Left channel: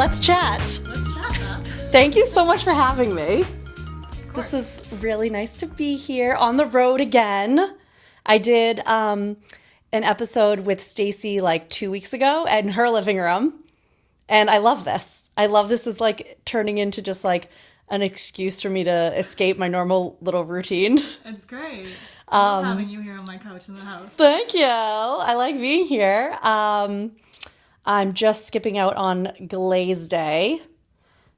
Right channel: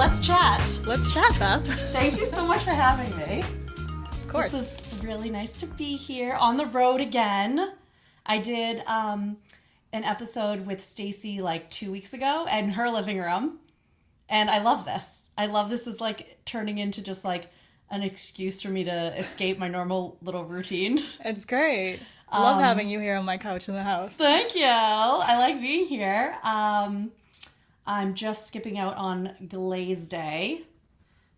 let's chat. Let's chat, Beth. Thank you so much for having me. Of course. This is really nice to be here on the road again. I did an episode with Stacy like 2 weeks ago in her living room. And I love this. I love this is like turning into just like an excuse for me to escape my normal little routine. It's great. I love having you here on my couch in the house. Thank you. I like being here. I'm just skipping out on Glaze Day.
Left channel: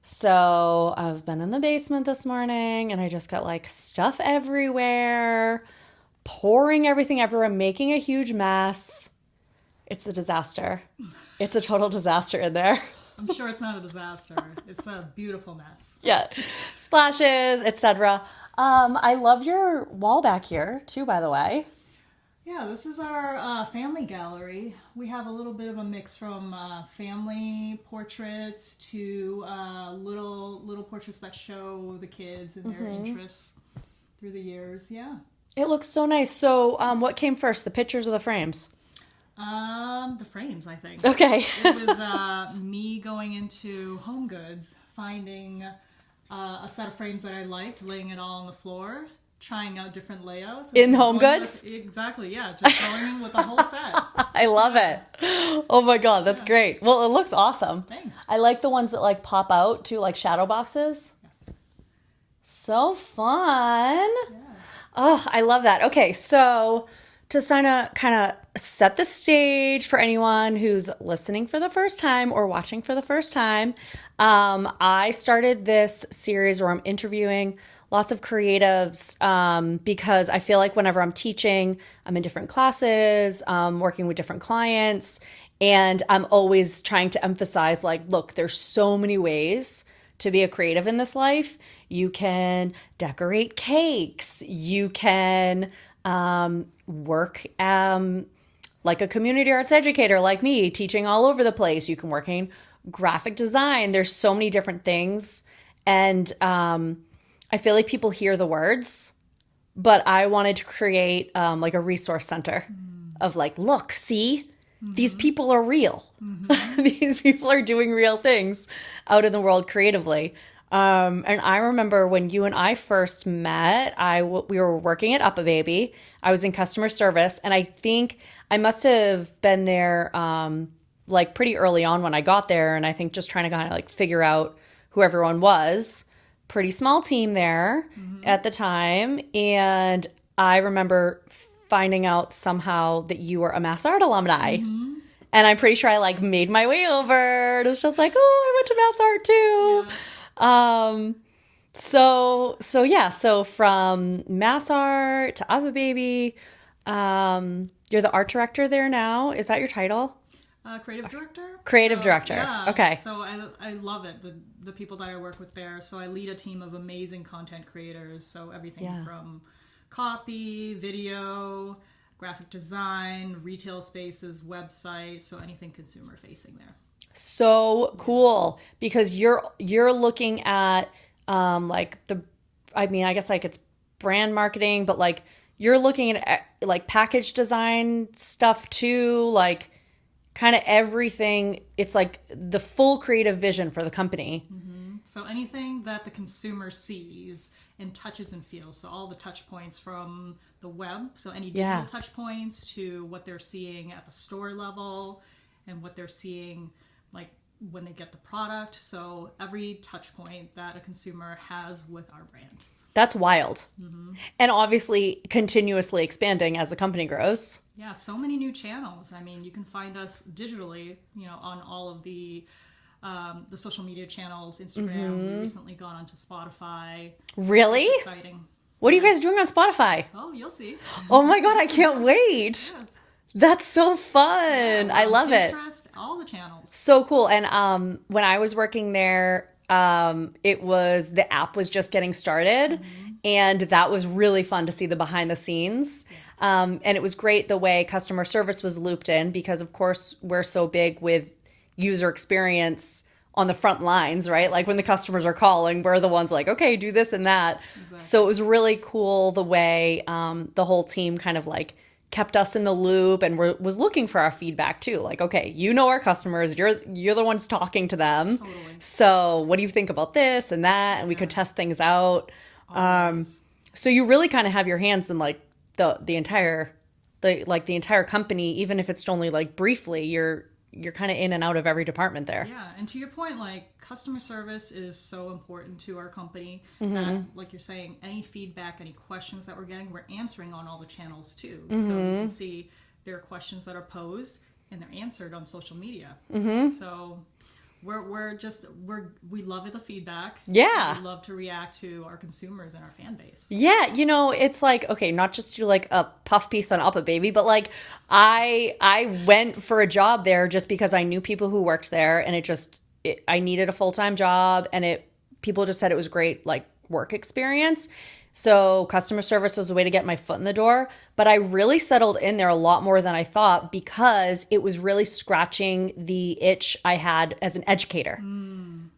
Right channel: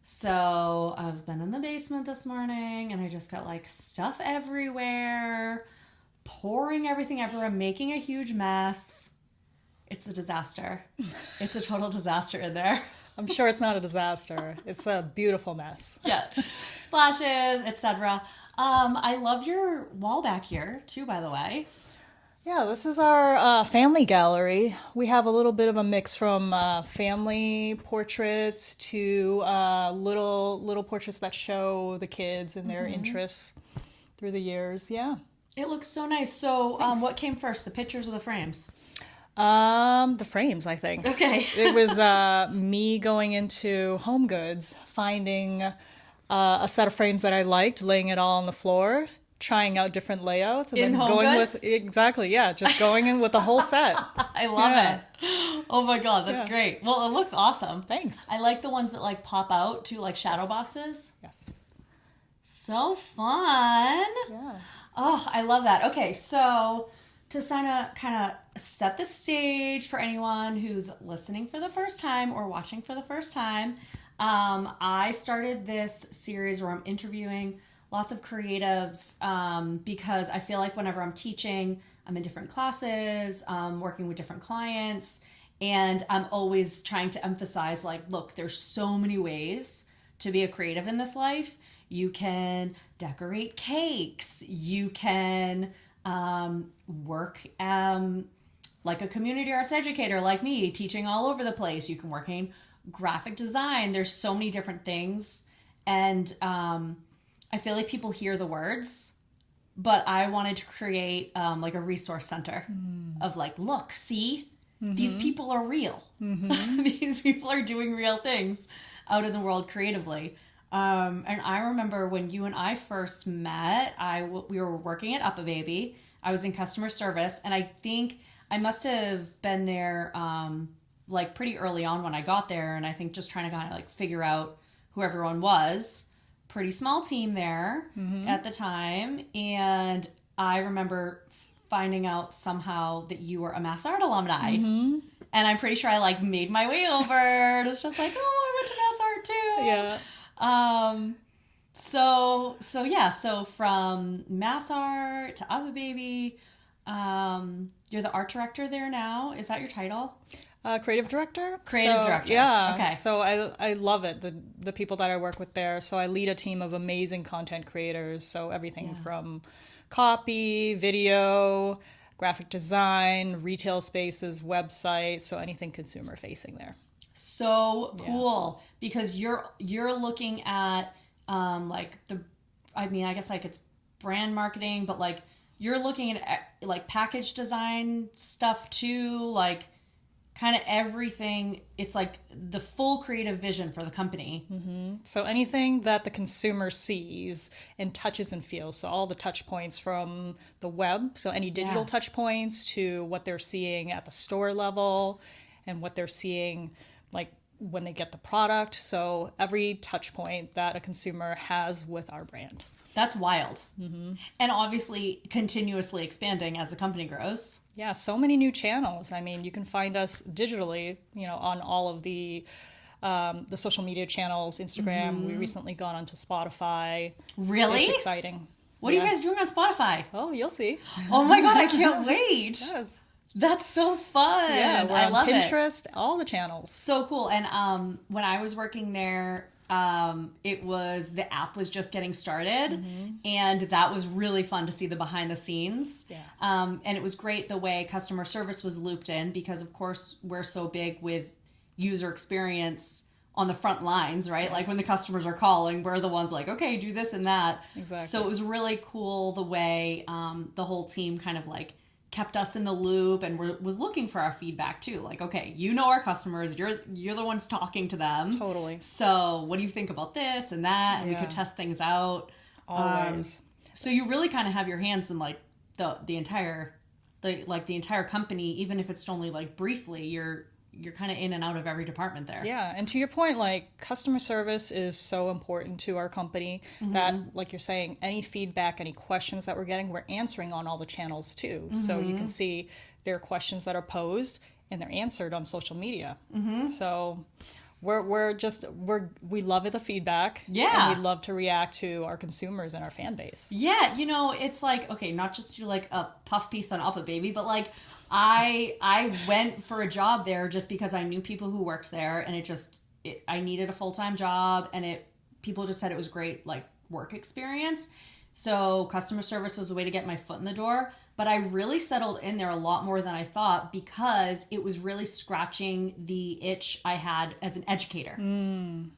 So I've been in the basement this morning and I just got like stuff everywhere, pouring everything everywhere, making a huge mess. It's a disaster. It's a total disaster in there. I'm sure it's not a disaster. It's a beautiful mess. Yeah. Splashes, etc. I love your wall back here too, by the way. Yeah, this is our family gallery. We have a little bit of a mix from family portraits to little portraits that show the kids and their interests through the years. Yeah. It looks so nice. So what came first, the pictures or the frames? The frames, I think. Okay. It was me going into Home Goods, finding a set of frames that I liked, laying it all on the floor, trying out different layouts. And in Home Goods? Exactly, yeah. Just going in with the whole set. I love it. Oh my God, that's great. Well, it looks awesome. Thanks. I like the ones that like pop out too, like shadow boxes. Yes. So fun. Yeah. Oh, I love that. Okay, so to kind of set the stage for anyone who's listening for the first time or watching for the first time, I started this series where I'm interviewing lots of creatives because I feel like whenever I'm teaching, I'm in different classes, working with different clients, and I'm always trying to emphasize like, look, there's so many ways to be a creative in this life. You can decorate cakes. You can work like a community arts educator like me, teaching all over the place. You can work in graphic design. There's so many different things. And I feel like people hear the words, but I wanted to create like a resource center of like, look, see, these people are real. These people are doing real things out in the world creatively. And I remember when you and I first met, we were working at UPPAbaby. I was in customer service, and I think I must have been there like pretty early on when I got there, and I think just trying to kind of like figure out who everyone was. Pretty small team there at the time, and I remember finding out somehow that you were a MassArt alumni. And I'm pretty sure I like made my way over. It was just like, oh, I went to MassArt too. Yeah. So from MassArt to UPPAbaby, you're the art director there now. Is that your title? Creative director. Creative director. Yeah. Okay. So I love it. The people that I work with there. So I lead a team of amazing content creators. So everything from copy, video, graphic design, retail spaces, websites. So anything consumer facing there. So cool because you're looking at like I guess like it's brand marketing, but like you're looking at like package design stuff too, like kind of everything. It's like the full creative vision for the company. So anything that the consumer sees and touches and feels. So all the touch points from the web. So any digital touch points to what they're seeing at the store level and what they're seeing like when they get the product. So every touch point that a consumer has with our brand. That's wild. And obviously continuously expanding as the company grows. Yeah, so many new channels. I mean, you can find us digitally, on all of the social media channels, Instagram. We recently gone onto Spotify. Really? It's exciting. What are you guys doing on Spotify? Oh, you'll see. Oh my God, I can't wait. Yes. That's so fun. Yeah, I love Pinterest, all the channels. So cool. And when I was working there, the app was just getting started, and that was really fun to see the behind the scenes. And it was great the way customer service was looped in because of course we're so big with user experience on the front lines, right? Like when the customers are calling, we're the ones like, okay, do this and that. Exactly. So it was really cool the way the whole team kind of like kept us in the loop and was looking for our feedback too. Like, okay, you know our customers, you're the ones talking to them. Totally. So what do you think about this and that? And we could test things out. Always. So you really kind of have your hands in like the entire company, even if it's only like briefly, you're kind of in and out of every department there. Yeah, and to your point, like customer service is so important to our company that, like you're saying, any feedback, any questions that we're getting, we're answering on all the channels too. So you can see there are questions that are posed and they're answered on social media. So we love the feedback. Yeah. And we love to react to our consumers and our fan base. Yeah, it's like, okay, not just do like a puff piece on UPPAbaby, but like I went for a job there just because I knew people who worked there, and I needed a full-time job, and people just said it was great like work experience. So customer service was a way to get my foot in the door, but I really settled in there a lot more than I thought because it was really scratching the itch I had as an educator.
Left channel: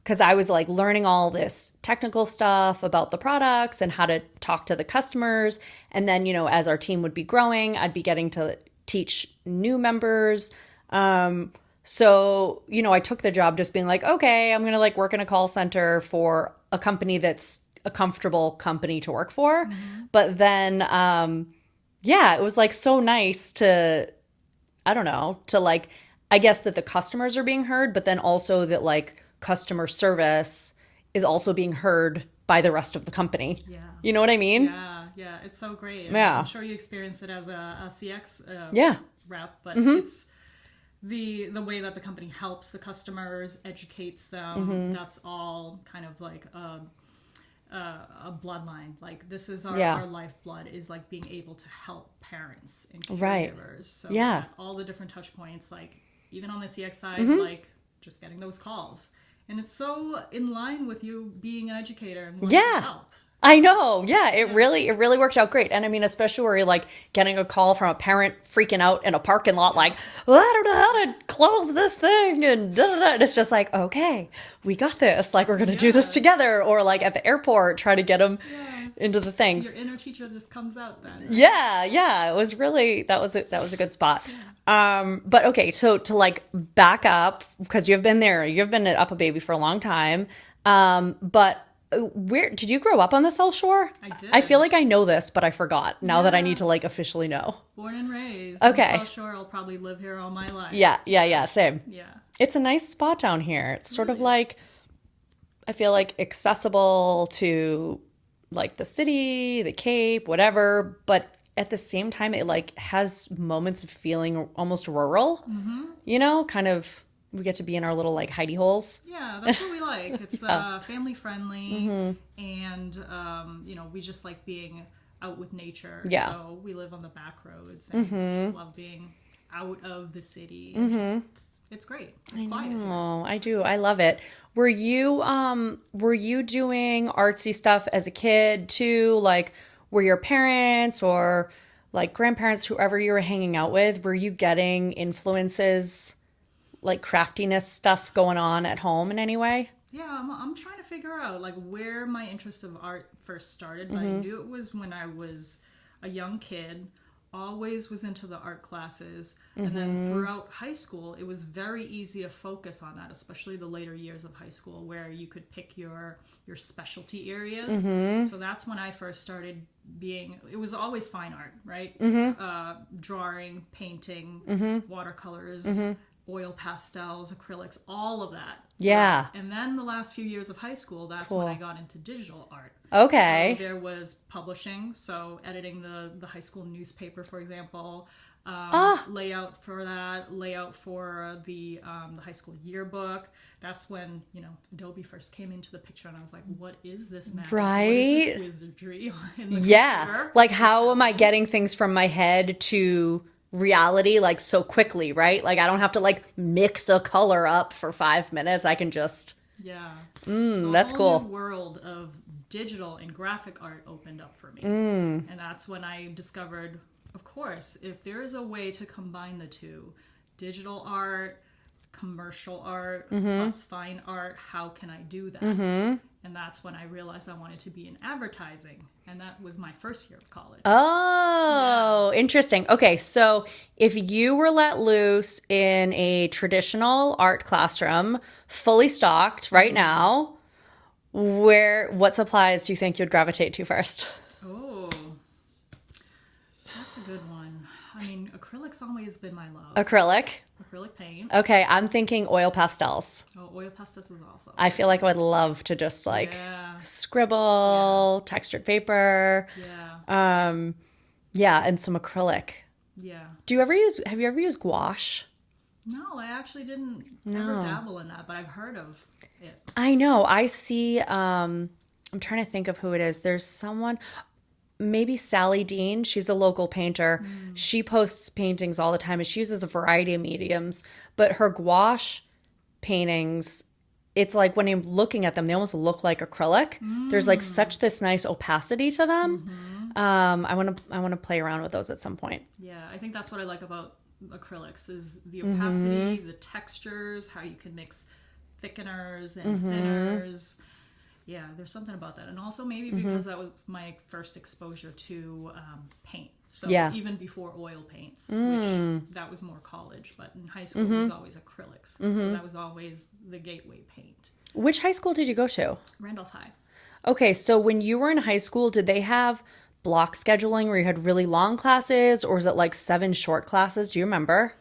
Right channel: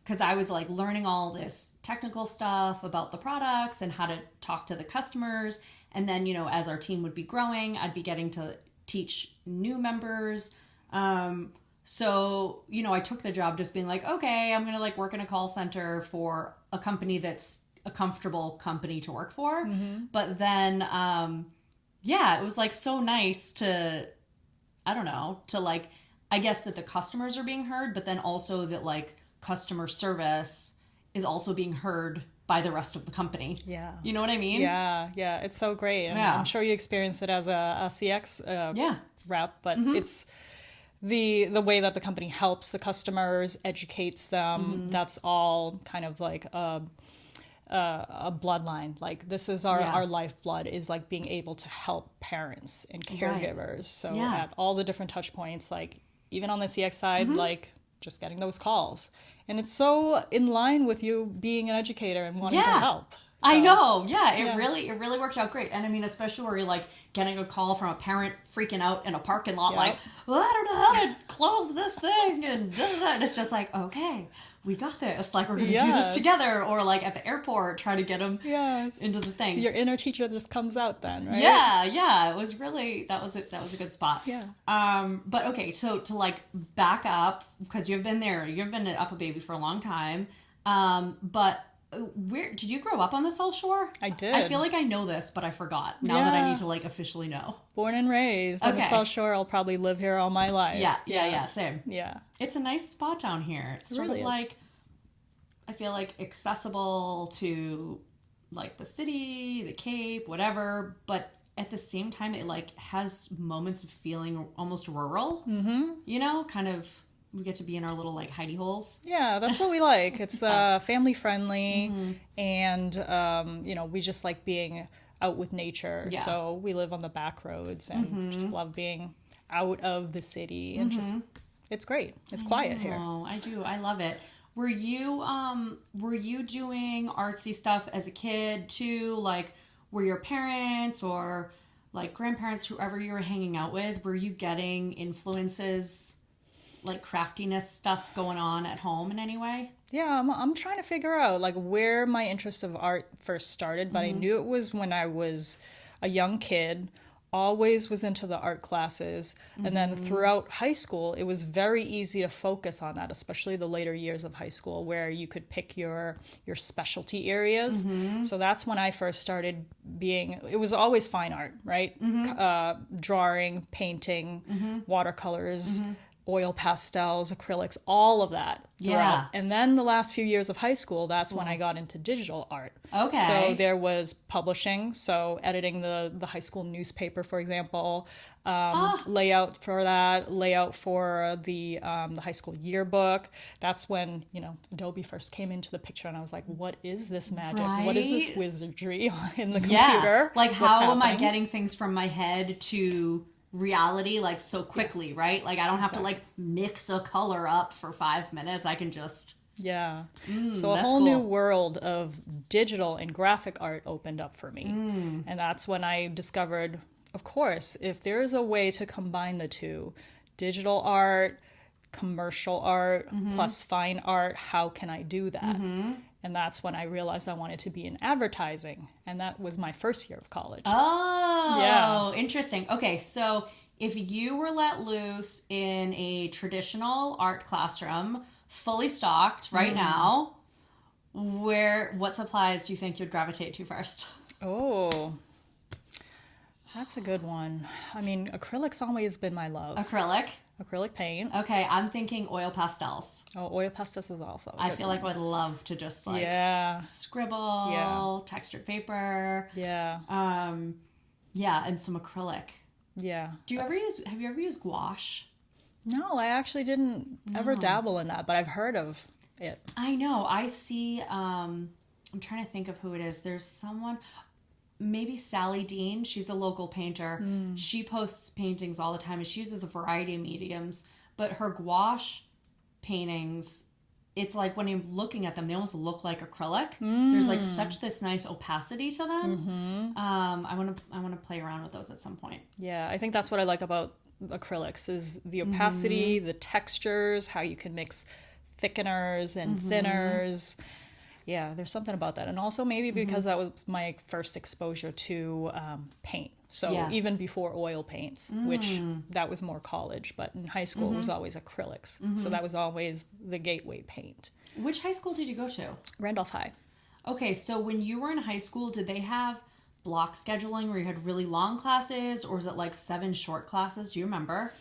Because I was like learning all this technical stuff about the products and how to talk to the customers. And then, as our team would be growing, I'd be getting to teach new members. So, I took the job just being like, okay, I'm going to like work in a call center for a company that's a comfortable company to work for. But then, it was like so nice to like, I guess that the customers are being heard, but then also that like customer service is also being heard by the rest of the company. Yeah. You know what I mean? Yeah. It's so great. I'm sure you experienced it as a CX rep, but it's the way that the company helps the customers, educates them. That's all kind of like a bloodline. Like this is our lifeblood, is like being able to help parents and caregivers. So at all the different touch points, like even on the CX side, like just getting those calls. And it's so in line with you being an educator and wanting to help. I know. Yeah, it really worked out great. And I mean, especially where you're like getting a call from a parent freaking out in a parking lot, like, well, I don't know how to close this thing. And, and it's just like, okay, we got this. Like, we're going to do this together. Or like at the airport, try to get them into the things. Your inner teacher just comes out then, right? Yeah. It was really, that was a good spot. Yeah. But okay, so to like back up, because you've been at UPPAbaby for a long time. But where did you grow up on the South Shore? I did. I feel like I know this, but I forgot now that I need to like officially know. Born and raised on the South Shore. I'll probably live here all my life. Yeah, same. Yeah. It's a nice spot down here. It's sort of like, I feel like accessible to like the city, the Cape, whatever, but at the same time it like has moments of feeling almost rural. Kind of, we get to be in our little like hidey holes. Yeah, that's what we like. It's family friendly, and we just like being out with nature. Yeah. So we live on the back roads and just love being out of the city. And it's great. It's quiet here. Oh, I do. I love it. Were you doing artsy stuff as a kid too? Like, were your parents or like grandparents, whoever you were hanging out with, were you getting influences, like craftiness stuff going on at home in any way? Yeah, I'm trying to figure out like where my interest of art first started, but I knew it was when I was a young kid, always was into the art classes. And then throughout high school, it was very easy to focus on that, especially the later years of high school where you could pick your specialty areas. So that's when I first started it was always fine art, right? Drawing, painting, watercolors, oil pastels, acrylics, all of that. Yeah. And then the last few years of high school, that's when I got into digital art. Okay. So there was publishing, so editing the high school newspaper, for example, layout for that, layout for the high school yearbook. That's when, Adobe first came into the picture, and I was like, what is this magic? Right? What is this wizardry in the computer? Like, how am I getting things from my head to reality like so quickly, right? Like I don't have to like mix a color up for 5 minutes. I can just so a that's whole cool. new world of digital and graphic art opened up for me. And that's when I discovered, of course, if there is a way to combine the two, digital art, commercial art plus fine art. How can I do that? And that's when I realized I wanted to be in advertising. And that was my first year of college. Oh, interesting. Okay, so if you were let loose in a traditional art classroom, fully stocked right now, what supplies do you think you'd gravitate to first? Oh, that's a good one. I mean, acrylic's always been my love. Acrylic. Acrylic paint. Okay, I'm thinking oil pastels. Oh, oil pastels is also. I feel like I would love to just like scribble, textured paper. Yeah. Yeah, and some acrylic. Yeah. Have you ever used gouache? No, I actually didn't ever dabble in that, but I've heard of it. I know. I see, I'm trying to think of who it is. There's someone, maybe Sally Dean. She's a local painter. She posts paintings all the time and she uses a variety of mediums, but her gouache paintings, it's like when I'm looking at them, they almost look like acrylic. There's like such this nice opacity to them. I want to play around with those at some point. Yeah, I think that's what I like about acrylics is the opacity, the textures, how you can mix thickeners and thinners. Yeah, there's something about that. And also maybe because that was my first exposure to paint. So even before oil paints, which that was more college, but in high school it was always acrylics. So that was always the gateway paint. Which high school did you go to? Randolph High. Okay, so when you were in high school, did they have block scheduling where you had really long classes, or was it like 7 short classes? Do you remember?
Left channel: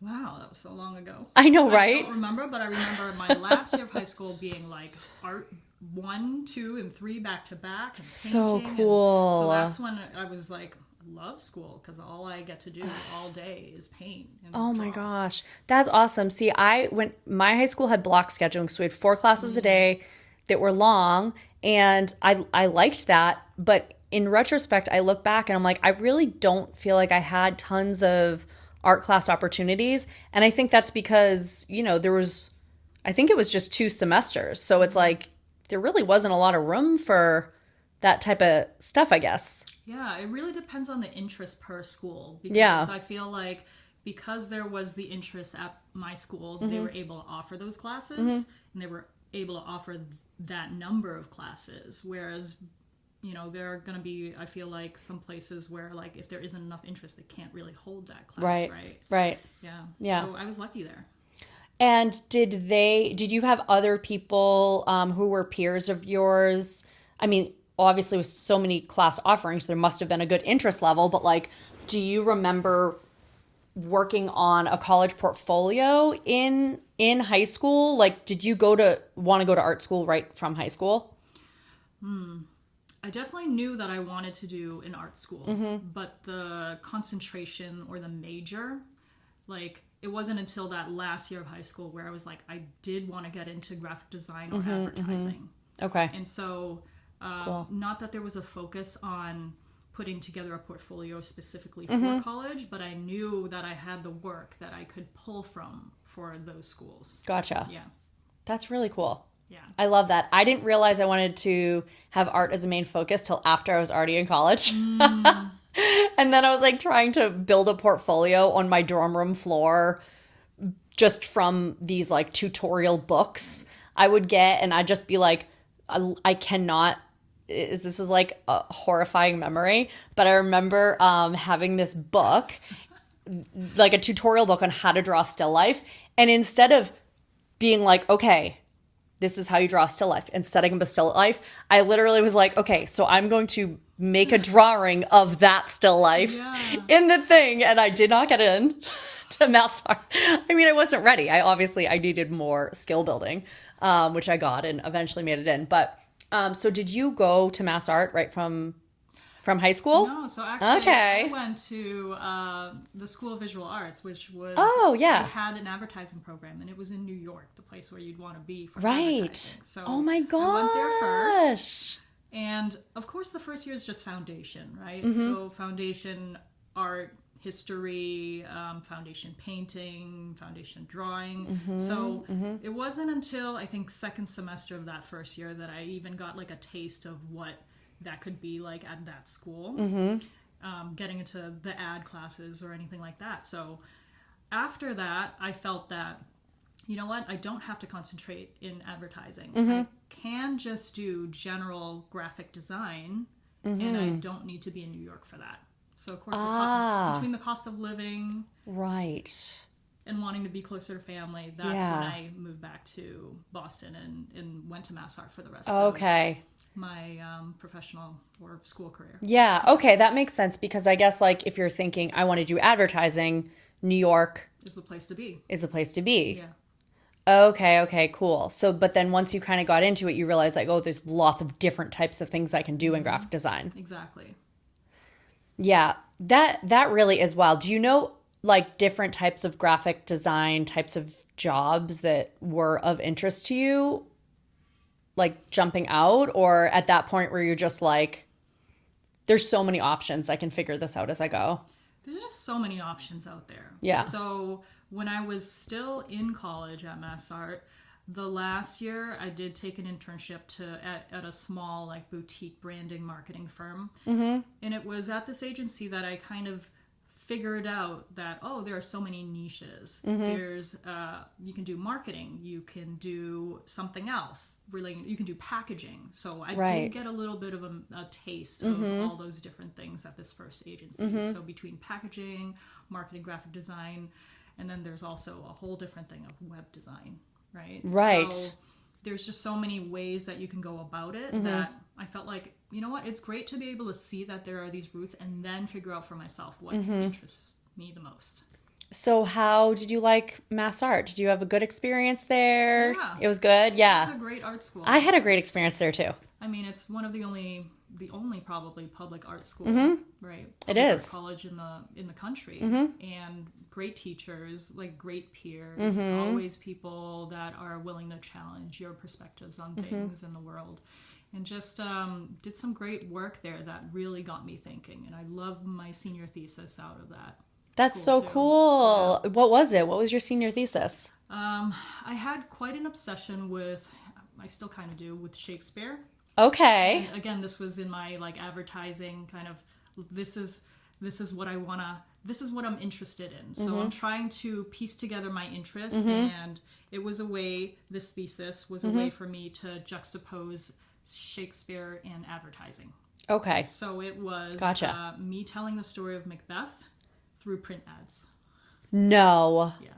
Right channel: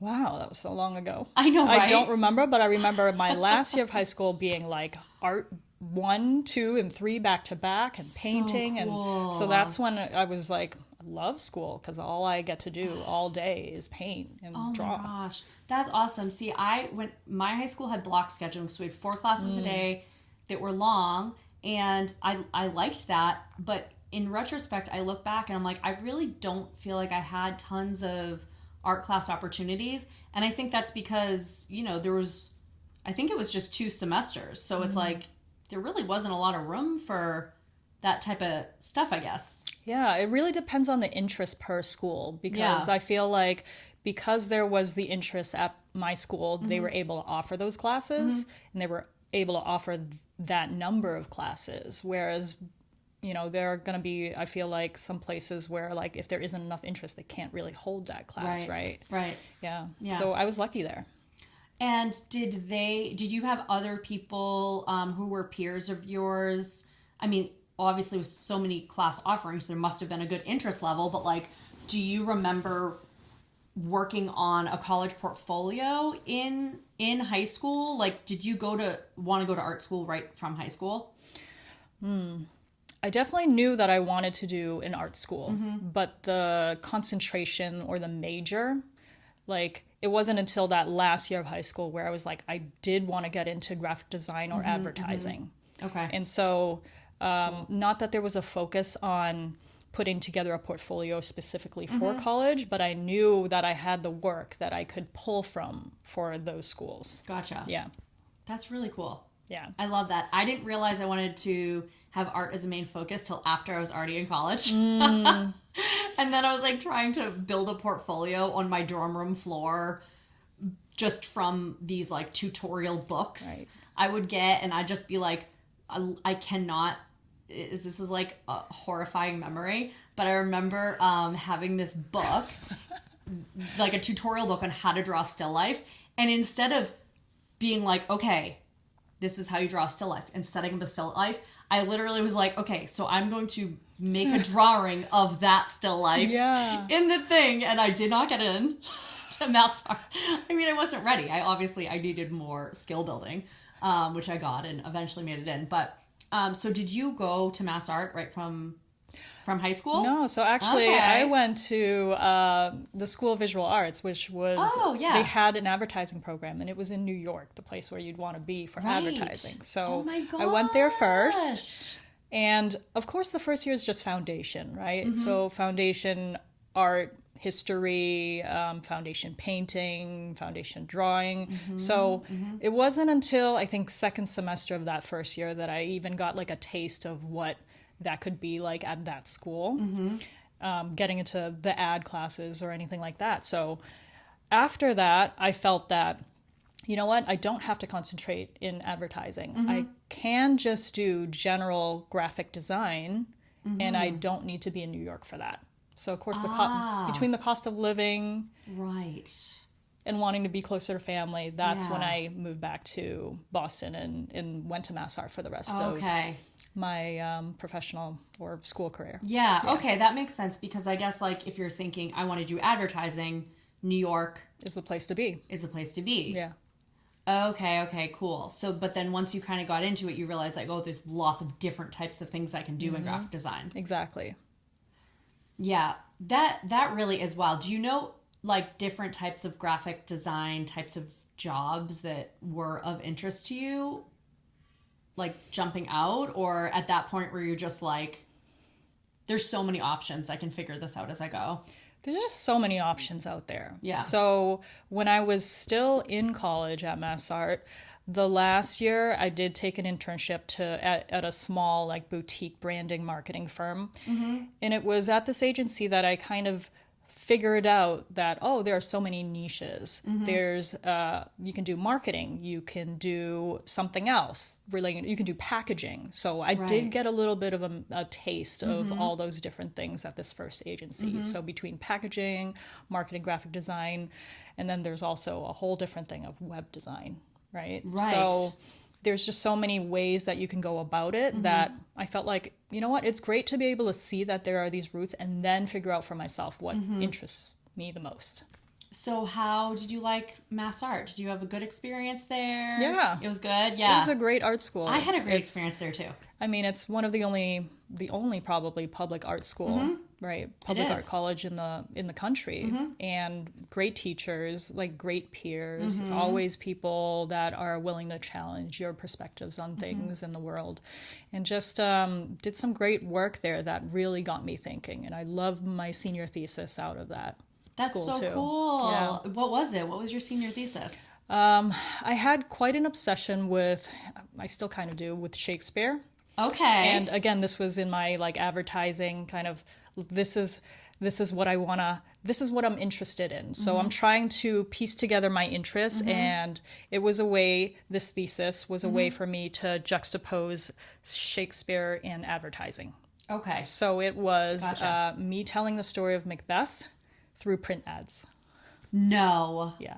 Wow, that was so long ago. I know, right? I don't remember, but I remember my last year of high school being like art 1, 2, and 3 back to back and painting. So cool. And so that's when I was like, I love school because all I get to do all day is paint and draw. My gosh, that's awesome. See, my high school had block scheduling, so we had 4 classes a day that were long, and I liked that. But in retrospect, I look back and I'm like, I really don't feel like I had tons of art class opportunities, and I think that's because I think it was just 2 semesters, so it's like there really wasn't a lot of room for that type of stuff, I guess. Yeah, it really depends on the interest per school because I feel like because there was the interest at my school, they were able to offer those classes and they were able to offer that number of classes. Whereas, there are going to be, I feel like, some places where like if there isn't enough interest, they can't really hold that class, right? Right. Yeah. So I was lucky there. And did you have other people who were peers of yours? I mean, obviously with so many class offerings, there must have been a good interest level, but like, do you remember working on a college portfolio in high school? Like, did you want to go to art school right from high school? I definitely knew that I wanted to do an art school, but the concentration or the major, like, it wasn't until that last year of high school where I was like, I did want to get into graphic design or advertising. Okay. And so, not that there was a focus on putting together a portfolio specifically for college, but I knew that I had the work that I could pull from for those schools. Gotcha. Yeah. That's really cool. Yeah. I love that. I didn't realize I wanted to have art as a main focus till after I was already in college. And then I was like trying to build a portfolio on my dorm room floor just from these like tutorial books I would get, and I'd just be like, I cannot, this is like a horrifying memory, but I remember having this book, like a tutorial book on how to draw still life, and instead of being like, okay, this is how you draw a still life, and setting up a still life, I literally was like, okay, so I'm going to make a drawing of that still life in the thing, and I did not get in to MassArt. I mean, I wasn't ready. I needed more skill building, which I got and eventually made it in. But so did you go to MassArt right from high school? No, so actually I went to the School of Visual Arts, which was, they had an advertising program, and it was in New York, the place where you'd want to be for advertising. So oh my gosh. I went there first. And of course the first year is just foundation, right? So foundation art, history, foundation painting, foundation drawing. So it wasn't until I think second semester of that first year that I even got like a taste of what that could be like at that school, getting into the ad classes or anything like that. So after that, I felt that you know what? I don't have to concentrate in advertising. I can just do general graphic design, and I don't need to be in New York for that. So, of course, between the cost of living Right. and wanting to be closer to family, that's when I moved back to Boston and went to MassArt for the rest of my professional or school career. Yeah, okay, that makes sense, because I guess, like, if you're thinking, I want to do advertising, New York Is the place to be. is the place to be. Yeah. Okay, cool. So, but then once you kind of got into it, you realize, like, oh, there's lots of different types of things I can do in graphic design. Exactly. Yeah, that really is wild. Do you know, like, different types of graphic design types of jobs that were of interest to you, like jumping out, or at that point where you're just like, there's so many options, I can figure this out as I go? There's just so many options out there. Yeah. So when I was still in college at MassArt, the last year I did take an internship at a small, like, boutique branding marketing firm. And it was at this agency that I kind of figured out that, oh, there are so many niches. There's you can do marketing, you can do something else related, you can do packaging. So I did get a little bit of a taste of all those different things at this first agency. So between packaging, marketing, graphic design, and then there's also a whole different thing of web design, right? So there's just so many ways that you can go about it that I felt like, you know what, it's great to be able to see that there are these routes and then figure out for myself what interests me the most. So how did you like MassArt? Did you have a good experience there? Yeah. It was good? Yeah. It was a great art school. I had a great experience there too. I mean, it's one of the only probably public art school, right? Public It art is. college in the country, and great teachers, like great peers, always people that are willing to challenge your perspectives on things in the world, and just did some great work there that really got me thinking. And I love my senior thesis out of that. That's so cool. Yeah. What was it? What was your senior thesis? I had quite an obsession with, I still kind of do, with Shakespeare. Okay. And again, this was in my, like, advertising kind of, this is what I want to, this is what I'm interested in. So I'm trying to piece together my interests, and it was a way, this thesis was a way for me to juxtapose Shakespeare and advertising. Okay. So it was me telling the story of Macbeth through print ads. No. Yeah.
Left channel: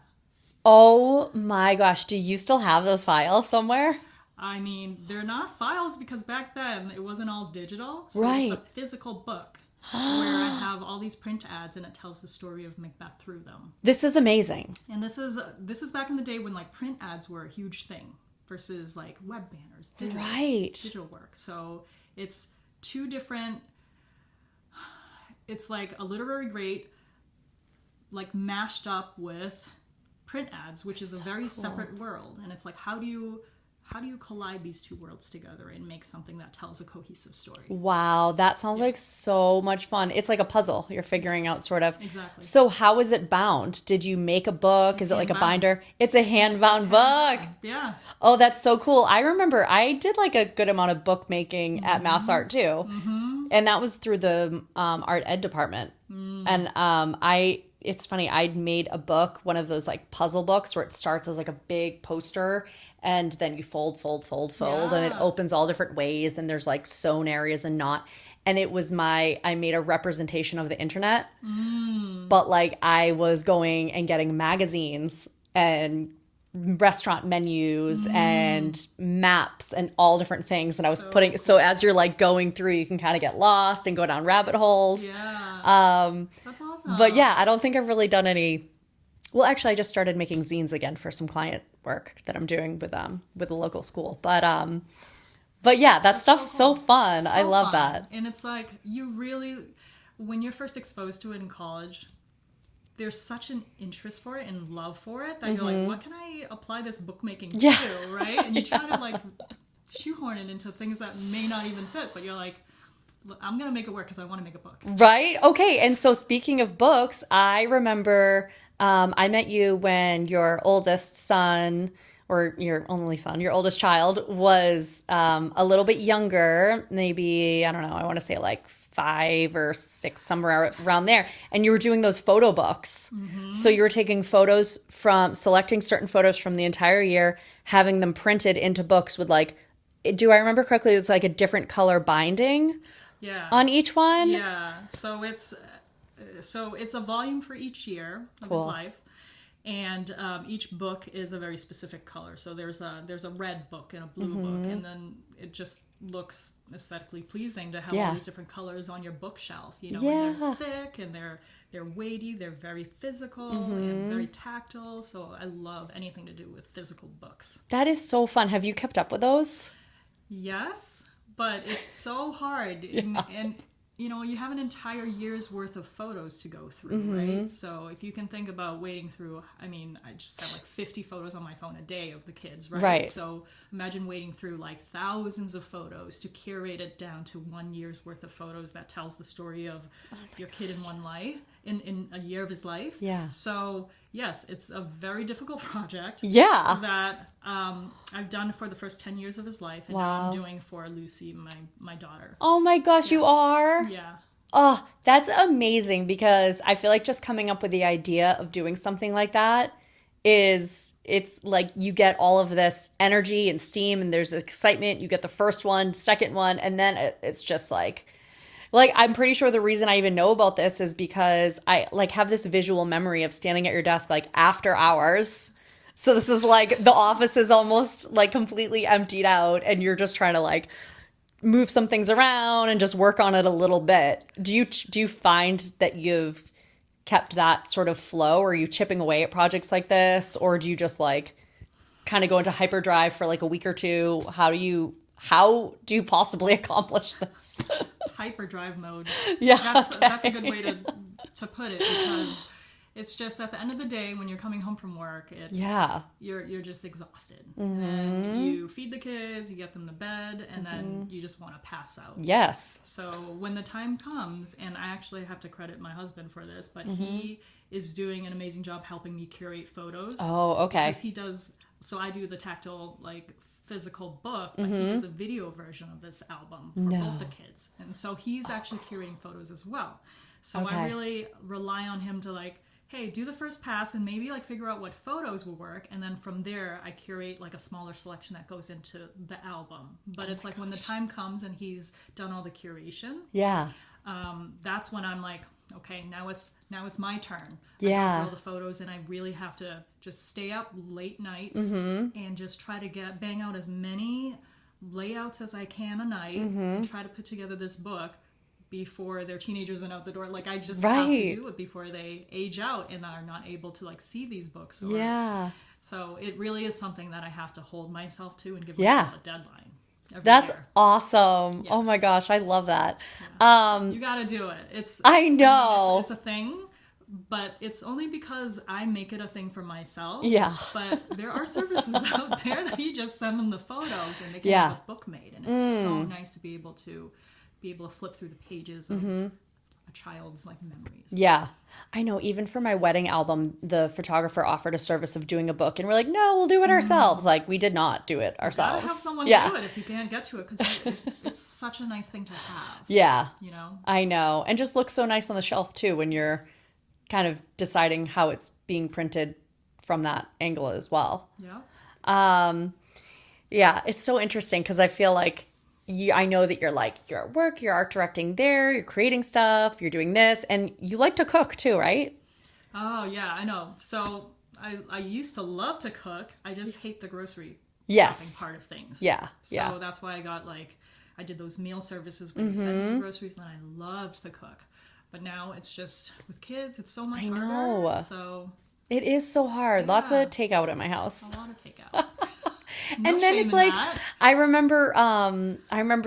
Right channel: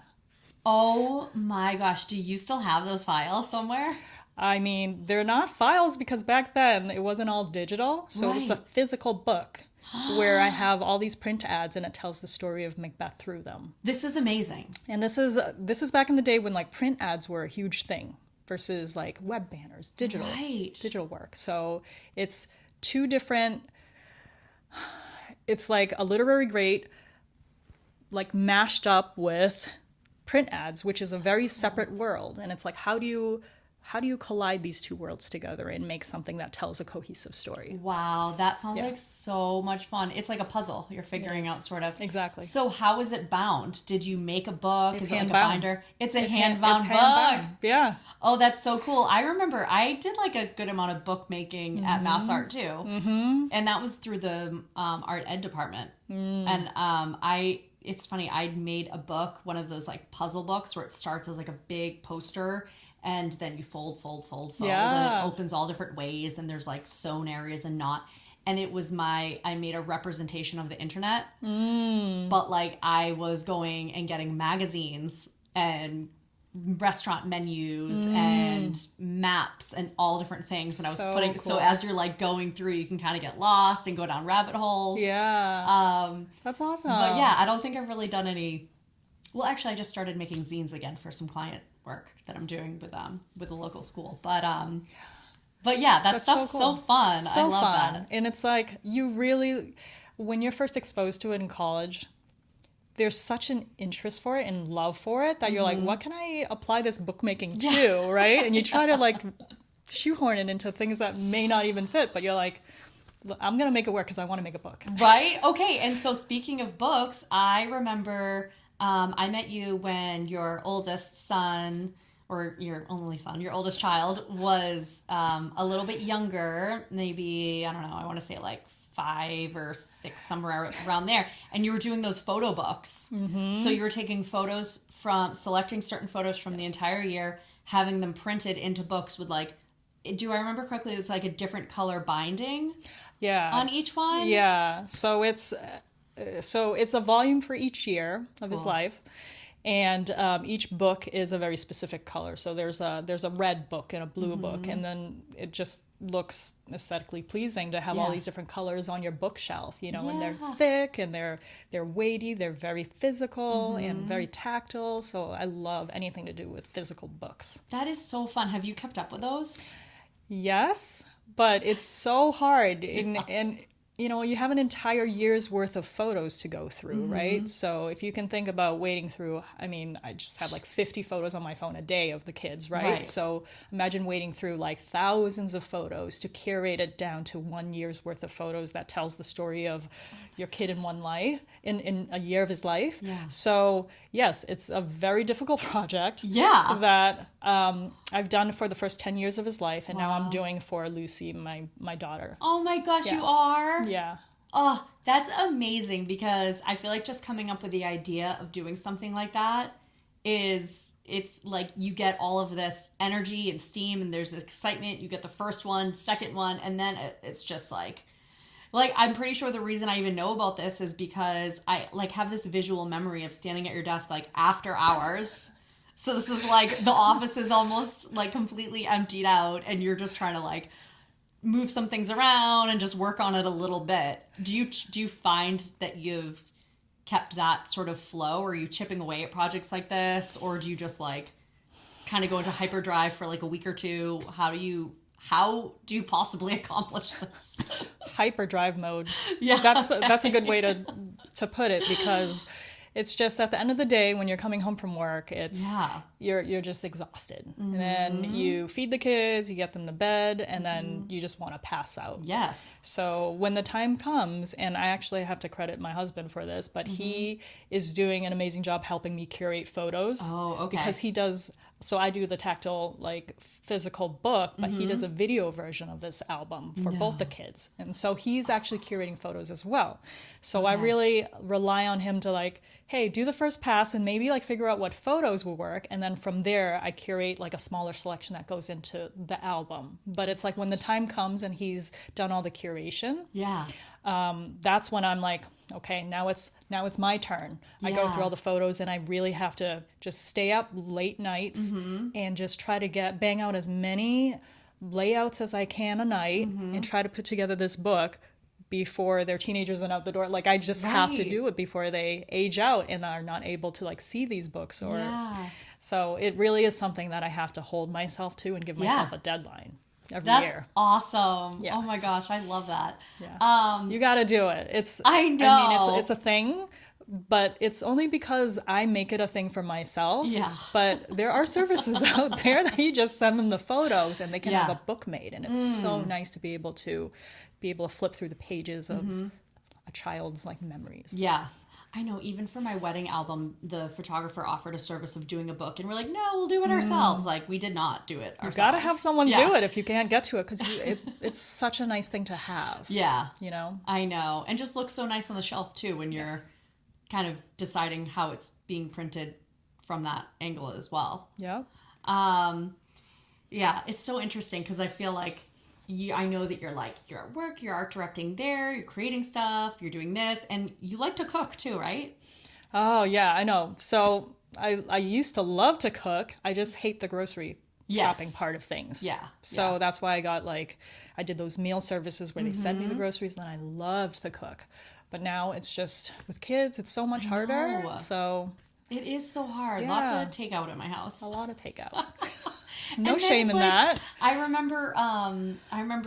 Oh my gosh. Do you still have those files somewhere? I mean, they're not files because back then it wasn't all digital. So it's a physical book where I have all these print ads and it tells the story of Macbeth through them. This is amazing. And this is back in the day when, like, print ads were a huge thing versus, like, web banners, digital work. So it's two different, it's like a literary great, like, mashed up with print ads, which is a very separate world. And it's like, how do you collide these two worlds together and make something that tells a cohesive story? Wow, that sounds like so much fun. It's like a puzzle you're figuring out, sort of. Exactly. So how is it bound? Did you make a book? Is it like a binder? It's a hand-bound book. Yeah. Oh, that's so cool. I remember I did, like, a good amount of bookmaking at MassArt too. And that was through the art ed department. And it's funny, I'd made a book, one of those, like, puzzle books where it starts as, like, a big poster, and then you fold, and it opens all different ways, and there's, like, sewn areas and not. And it was I made a representation of the internet, but, like, I was going and getting magazines and restaurant menus and maps and all different things that I was putting. Cool. So as you're, like, going through, you can kind of get lost and go down rabbit holes. Yeah. That's awesome. But yeah, I don't think I've really done any. Well, actually, I just started making zines again for some client work that I'm doing with a local school. But yeah, that stuff's so fun. I love that. And it's like, you really, when you're first exposed to it in college, there's such an interest for it and love for it that you're like, what can I apply this bookmaking to, right? And you try to, like, shoehorn it into things that may not even fit, but you're like, I'm going to make it work because I want to make a book. Right? Okay. And so speaking of books, I remember I met you when your oldest son, or your only son, your oldest child, was a little bit younger, maybe, I don't know, I want to say like 5 or 6, somewhere around there. And you were doing those photo books. So you were taking selecting certain photos from the entire year, having them printed into books with like, do I remember correctly? It was like a different color binding on each one? Yeah. So it's a volume for each year of his life. And each book is a very specific color. So there's a red book and a blue book, and then it just looks aesthetically pleasing to have all these different colors on your bookshelf. You know, and they're thick and they're weighty. They're very physical and very tactile. So I love anything to do with physical books. That is so fun. Have you kept up with those? Yes, but it's so hard, and you know, you have an entire year's worth of photos to go through, right? So if you can think about wading through, I mean, I just have like 50 photos on my phone a day of the kids, right? So imagine wading through like thousands of photos to curate it down to 1 year's worth of photos that tells the story of your kid in one life, in a year of his life. Yeah. So yes, it's a very difficult project. Yeah. That I've done for the first 10 years of his life, and now I'm doing for Lucy, my daughter. Oh my gosh, you are? Yeah. Oh, that's amazing, because I feel like just coming up with the idea of doing something like that it's like you get all of this energy and steam, and there's excitement. You get the first one, second one, and then it's just like I'm pretty sure the reason I even know about this is because I like have this visual memory of standing at your desk like after hours. So this is like the office is almost like completely emptied out, and you're just trying to like move some things around and just work on it a little bit. Do you find that you've kept that sort of flow, or are you chipping away at projects like this, or do you just like kind of go into hyperdrive for like a week or two? How do you possibly accomplish this? Hyperdrive mode. Yeah. That's a good way to put it, because it's just at the end of the day when you're coming home from work, you're just exhausted. And then you feed the kids, you get them to bed, and then you just want to pass out. Yes. So when the time comes, and I actually have to credit my husband for this, but he is doing an amazing job helping me curate photos. Oh, okay. Because he does, so I do the tactile, like, physical book, but he does a video version of this album for both the kids. And so he's actually curating photos as well. So I really rely on him to like, hey, do the first pass and maybe like figure out what photos will work. And then from there, I curate like a smaller selection that goes into the album. But it's like when the time comes and he's done all the curation, that's when I'm like, okay, now it's my turn. I go through all the photos, and I really have to just stay up late nights and just try to bang out as many layouts as I can a night and try to put together this book before they're teenagers and out the door. Like I just have to do it before they age out and are not able to like see these books. So it really is something that I have to hold myself to and give myself a deadline. That's year. Awesome. Yeah. Oh my gosh, I love that. Yeah. You got to do it. I know. I mean, it's a thing, but it's only because I make it a thing for myself. Yeah. But there are services out there that you just send them the photos and they can have a book made, and it's so nice to be able to flip through the pages of a child's like memories. Yeah. I know, even for my wedding album, the photographer offered a service of doing a book, and we're like, no, we'll do it ourselves. Like, we did not do it ourselves. You gotta have someone do it if you can't get to it, because it's such a nice thing to have. Yeah. You know? I know. And just looks so nice on the shelf, too, when you're kind of deciding how it's being printed from that angle as well. Yeah. Yeah, it's so interesting, because I feel like I know that you're at work, you're art directing there, you're creating stuff, you're doing this, and you like to cook too, right? Oh, yeah, I know. So I used to love to cook. I just hate the grocery shopping part of things. Yeah. So that's why I did those meal services where they sent me the groceries, and then I loved to cook. But now it's just, with kids, it's so much harder. So it is so hard. Yeah. Lots of takeout at my house. A lot of takeout. No and shame in that. I remember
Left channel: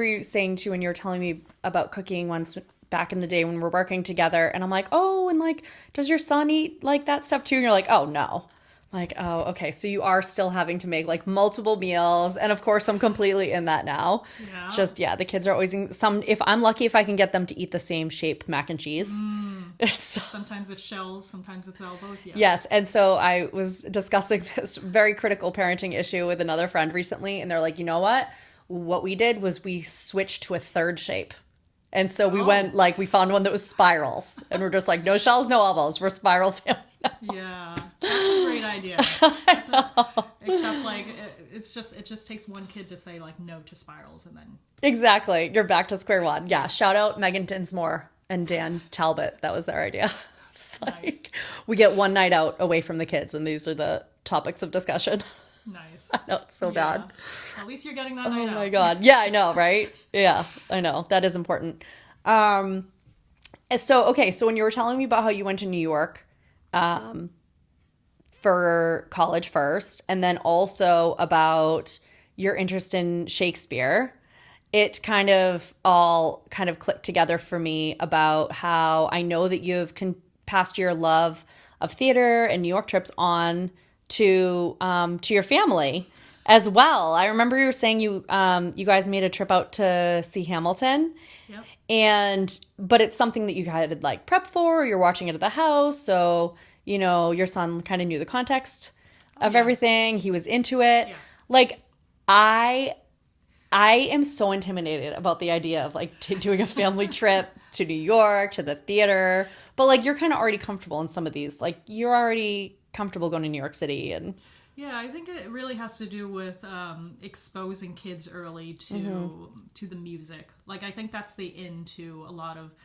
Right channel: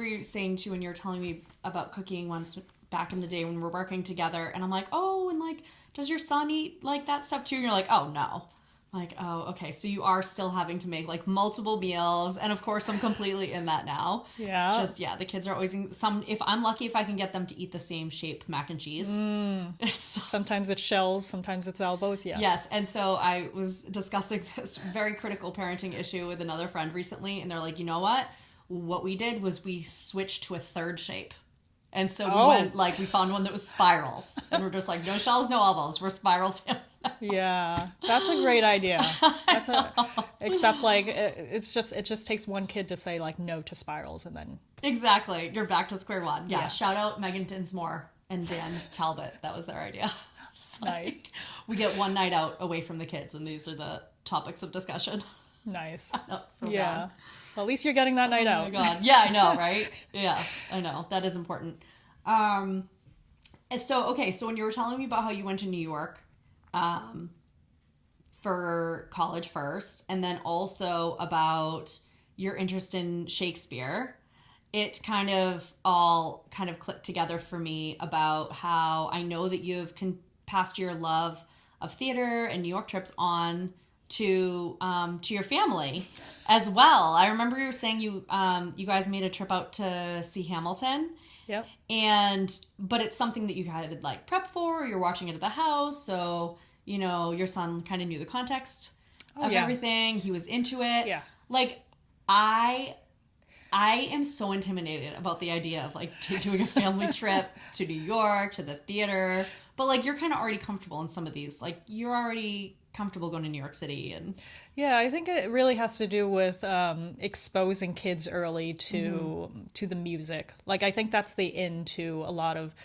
you saying too, when you were telling me about cooking once back in the day when we're working together, and I'm like, oh, and like, does your son eat like that stuff too? And you're like, oh no. Like, oh, okay. So you are still having to make like multiple meals. And of course I'm completely in that now. Yeah. Just, the kids are always if I'm lucky, if I can get them to eat the same shape mac and cheese. Sometimes it's shells, sometimes it's elbows. Yeah. Yes. And so I was discussing this very critical parenting issue with another friend recently. And they're like, you know what? What we did was we switched to a third shape. And so we went, like, we found one that was spirals. And we're just like, no shells, no elbows. We're spiral family now. Yeah, that's a great idea. Except, like, it just takes one kid to say, like, no to spirals, and then... Exactly. You're back to square one. Yeah. Shout out Megan Dinsmore and Dan Talbot. That was their idea. Nice. We get one night out away from the kids, and these are the topics of discussion. Nice. I know, it's so bad. Well, at least you're getting that night out. Oh my God. Yeah, I know, right? Yeah, I know. That is important. So when you were telling me about how you went to New York for college first, and then also about your interest in Shakespeare, it kind of all clicked together for me about how I know that you've passed your love of theater and New York trips on to your family as well. I remember you were saying you guys made a trip out to see Hamilton. Yep. But it's something that you had like prep for, or you're watching it at the house, so you know your son kind of knew the context of everything. He was into it. Yeah. Like I am so intimidated about the idea of like doing a family trip to New York, to the theater. But like you're kind of already comfortable in some of these. Like you're already comfortable going to New York City and... Yeah, I think it really has to do with exposing kids early to the music. Like, I think that's the into a lot of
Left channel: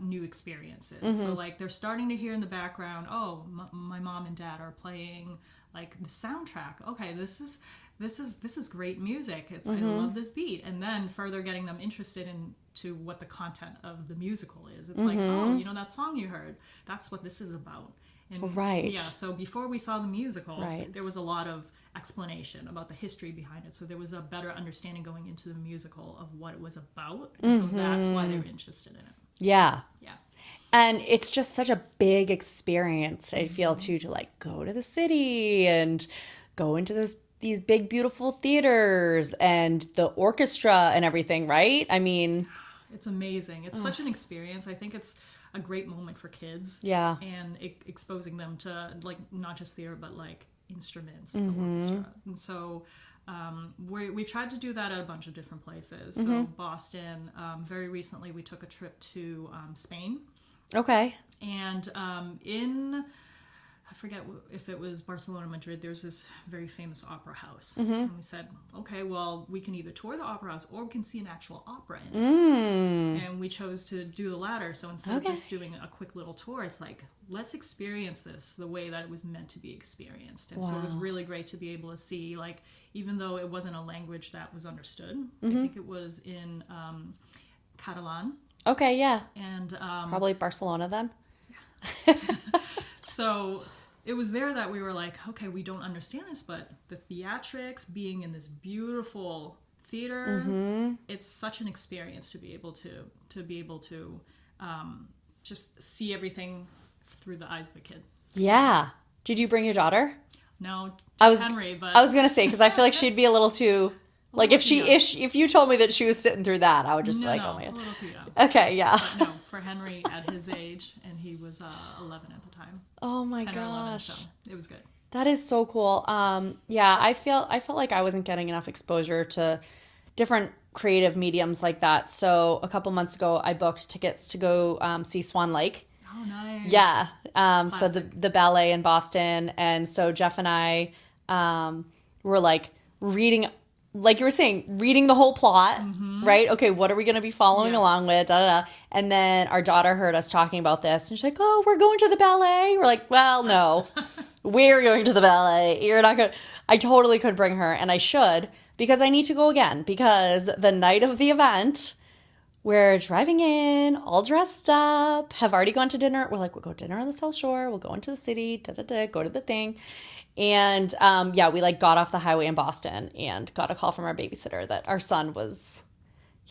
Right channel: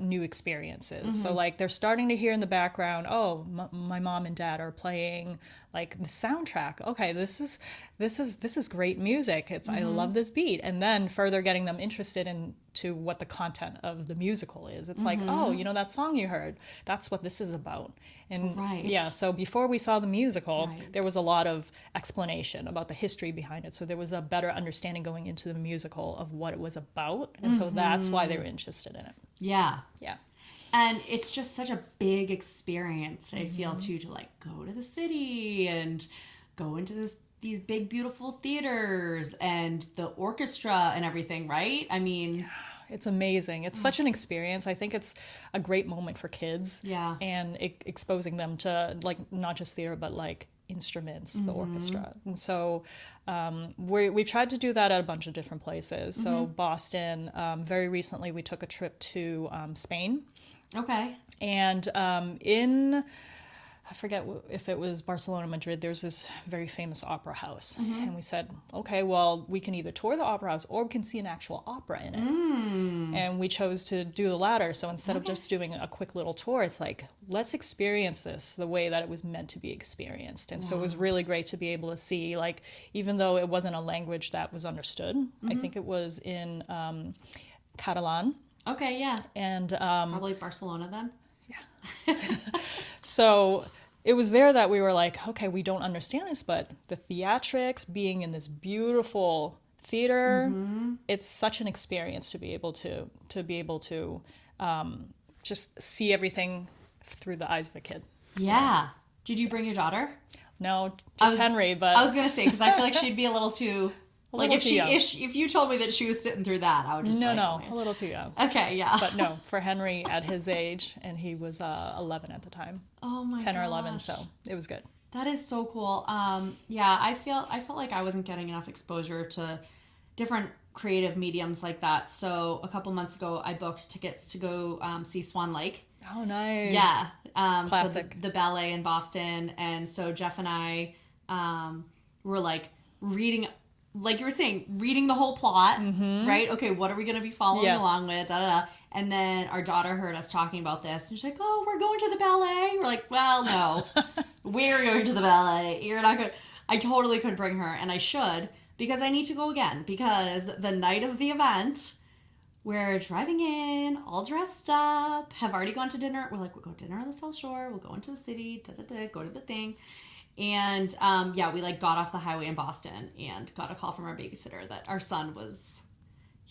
new experiences. So, like, they're starting to hear in the background, oh, my mom and dad are playing, like, the soundtrack. Okay, this is great music. I love this beat. And then further getting them interested into what the content of the musical is. It's like, oh, you know that song you heard? That's what this is about. And yeah, so before we saw the musical, there was a lot of explanation about the history behind it. So there was a better understanding going into the musical of what it was about. And so that's why they were interested in it. Yeah. Yeah. And it's just such a big experience, I feel, too, to like go to the city and go into these big, beautiful theaters and the orchestra and everything, right? I mean... It's amazing. It's such an experience. I think it's a great moment for kids. Yeah. And exposing them to, like, not just theater, but, like, instruments, the orchestra. And so we tried to do that at a bunch of different places. So Boston, very recently we took a trip to Spain. Okay. And I forget if it was Barcelona, Madrid, there's this very famous opera house. And we said, okay, well, we can either tour the opera house or we can see an actual opera in it. And we chose to do the latter. So instead of just doing a quick little tour, it's like, let's experience this the way that it was meant to be experienced. And so it was really great to be able to see, like, even though it wasn't a language that was understood, I think it was in Catalan. Okay, yeah. And probably Barcelona then. So it was there that we were like, okay, we don't understand this, but the theatrics, being in this beautiful theater, it's such an experience to be able to just see everything through the eyes of a kid. Yeah. Did you bring your daughter? No, just Henry. But I was gonna say, because I feel like she'd be a little too... Like if you told me that she was sitting through that, I would just be like, oh man. A little too young. Okay, yeah. But no, for Henry at his age, and he was 11 at the time. Oh my 10 gosh. or 11, so it was good. That is so cool. Yeah, I felt like I wasn't getting enough exposure to different creative mediums like that. So a couple months ago, I booked tickets to go see Swan Lake. Oh, nice. Yeah. Classic. So the ballet in Boston, and so Jeff and I were like reading. Like you were saying, reading the whole plot, right? Okay, what are we going to be following along with? Da, da, da. And then our daughter heard us talking about this, and she's like, oh, we're going to the ballet? We're like, well, no. We're going to the ballet. You're not going to... I totally could bring her, and I should, because I need to go again. Because the night of the event, we're driving in, all dressed up, have already gone to dinner. We're like, we'll go to dinner on the South Shore. We'll go into the city, go to the thing. And we like got off the highway in Boston and got a call from our babysitter that our son was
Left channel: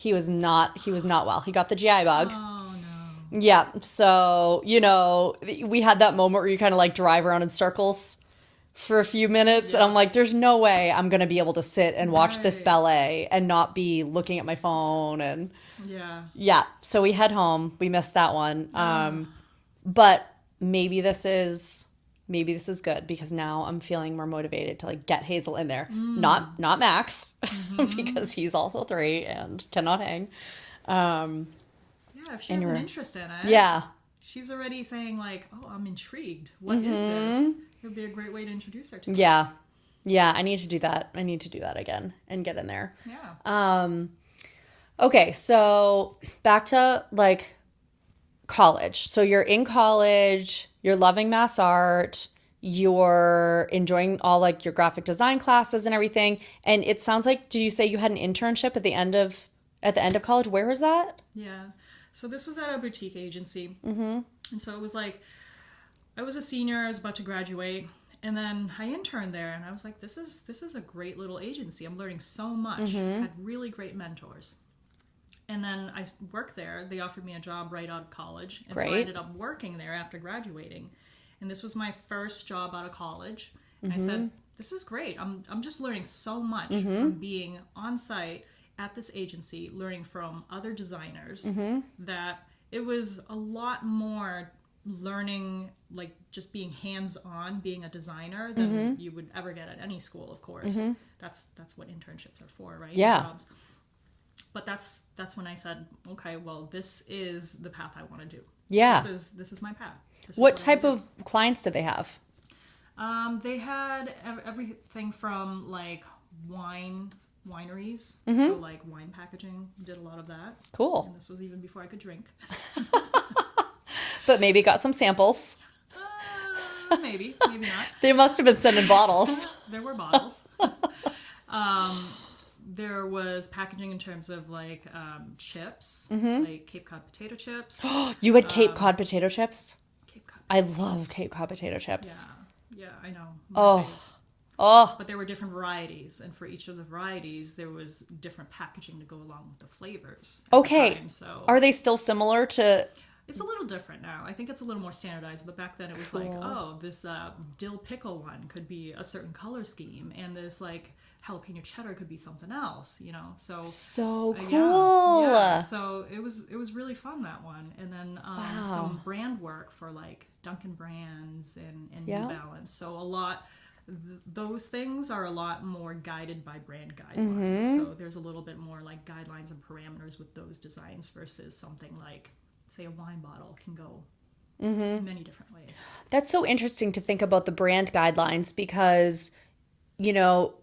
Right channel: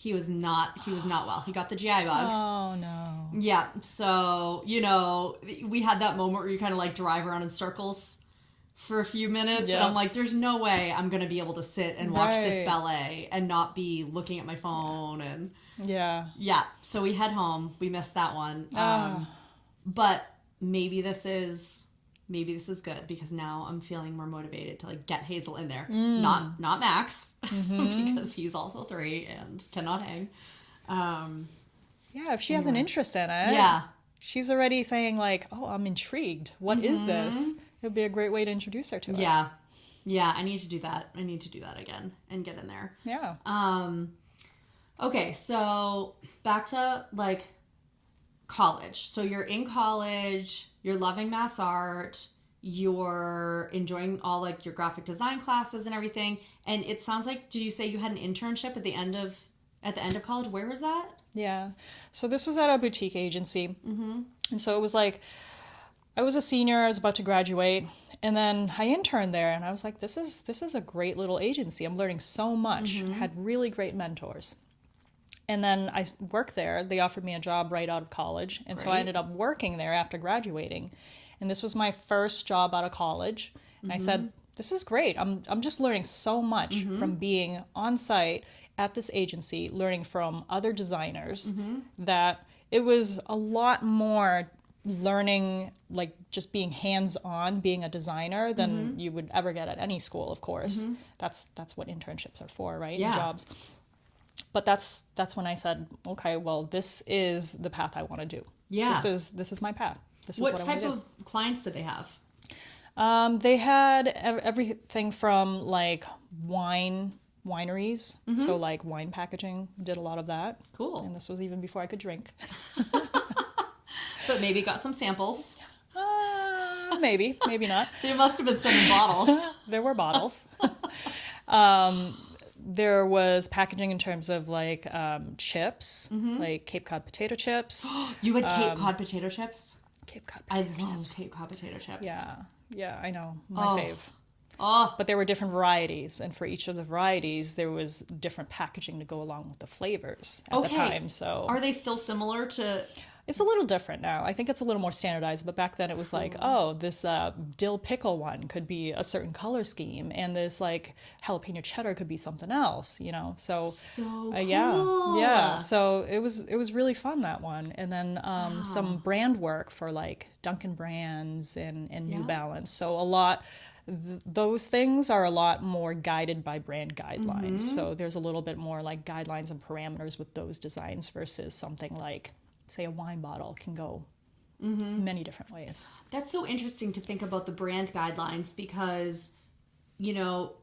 not well. He got the GI bug. Oh no. Yeah. So, you know, we had that moment where you kind of like drive around in circles for a few minutes. And I'm like, there's no way I'm going to be able to sit and watch this ballet and not be looking at my phone. And yeah. So we head home. We missed that one. But maybe this is good, because now I'm feeling more motivated to like get Hazel in there. Not Max, because he's also 3 and cannot hang. Yeah, if she has an interest in it. Yeah. She's already saying like, oh, I'm intrigued. What is this? It would be a great way to introduce her to it. Yeah. Yeah, I need to do that. I need to do that again and get in there. Yeah. Okay, so back to like college. So you're in college, you're loving MassArt, you're enjoying all like your graphic design classes and everything. And it sounds like, did you say you had an internship at the end of college? Where was that? Yeah. So this was at a boutique agency. And so it was like, I was a senior, I was about to graduate, and then I interned there, and I was like, this is a great little agency. I'm learning so much. I had really great mentors. And then I worked there. They offered me a job right out of college, and so I ended up working there after graduating. And this was my first job out of college. And I said, this is great. I'm just learning so much from being on site at this agency, learning from other designers, that it was a lot more learning, like just being hands-on, being a designer, than you would ever get at any school, of course. That's what internships are for, right? Yeah. Jobs. But that's when I said, okay, well, this is the path I want to do. Yeah. This is my path. This is What I type wanna of clients did they have? do. They had everything from like wineries, so like wine packaging, did a lot of that. Cool. And this was even before I could drink. But maybe got some samples. Maybe not. They must have been sending bottles. There were bottles. There was packaging in terms of like chips, like Cape Cod potato chips. You had Cape Cod potato chips? Cape Cod I love Cape Cod potato chips. Yeah, I know. My fave. Oh, But there were different varieties, and for each of the varieties, there was different packaging to go along with the flavors at the time. So are they still similar to... it's a little different now. I think it's a little more standardized, but back then it was like, oh, this dill pickle one could be a certain color scheme, and this like jalapeno cheddar could be something else, you know? So So cool. yeah. So it was really fun, that one. And then some brand work for like Dunkin' Brands and New Balance. So a lot, those things are a lot more guided by brand guidelines. So there's a little bit more like guidelines and parameters with those designs versus something like, say, a wine bottle can go many different ways. That's so interesting to think about the brand guidelines because, you know,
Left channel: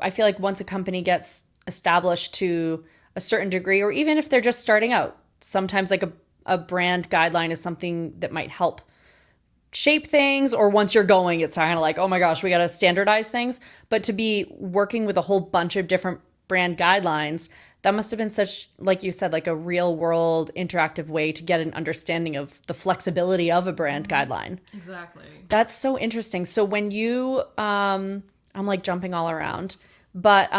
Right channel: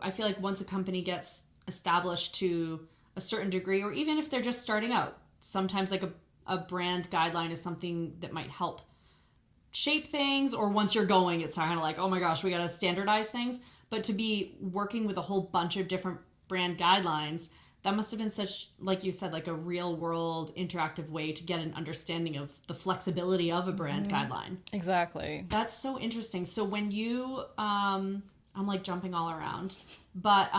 I feel like once a company gets established to a certain degree, or even if they're just starting out, sometimes like a brand guideline is something that might help shape things, or once you're going, it's kind of like, oh my gosh, we got to standardize things. But to be working with a whole bunch of different brand guidelines, that must have been such, like you said, like a real world interactive way to get an understanding of the flexibility of a brand guideline. Exactly. That's so interesting. So when you, I'm like jumping all around, but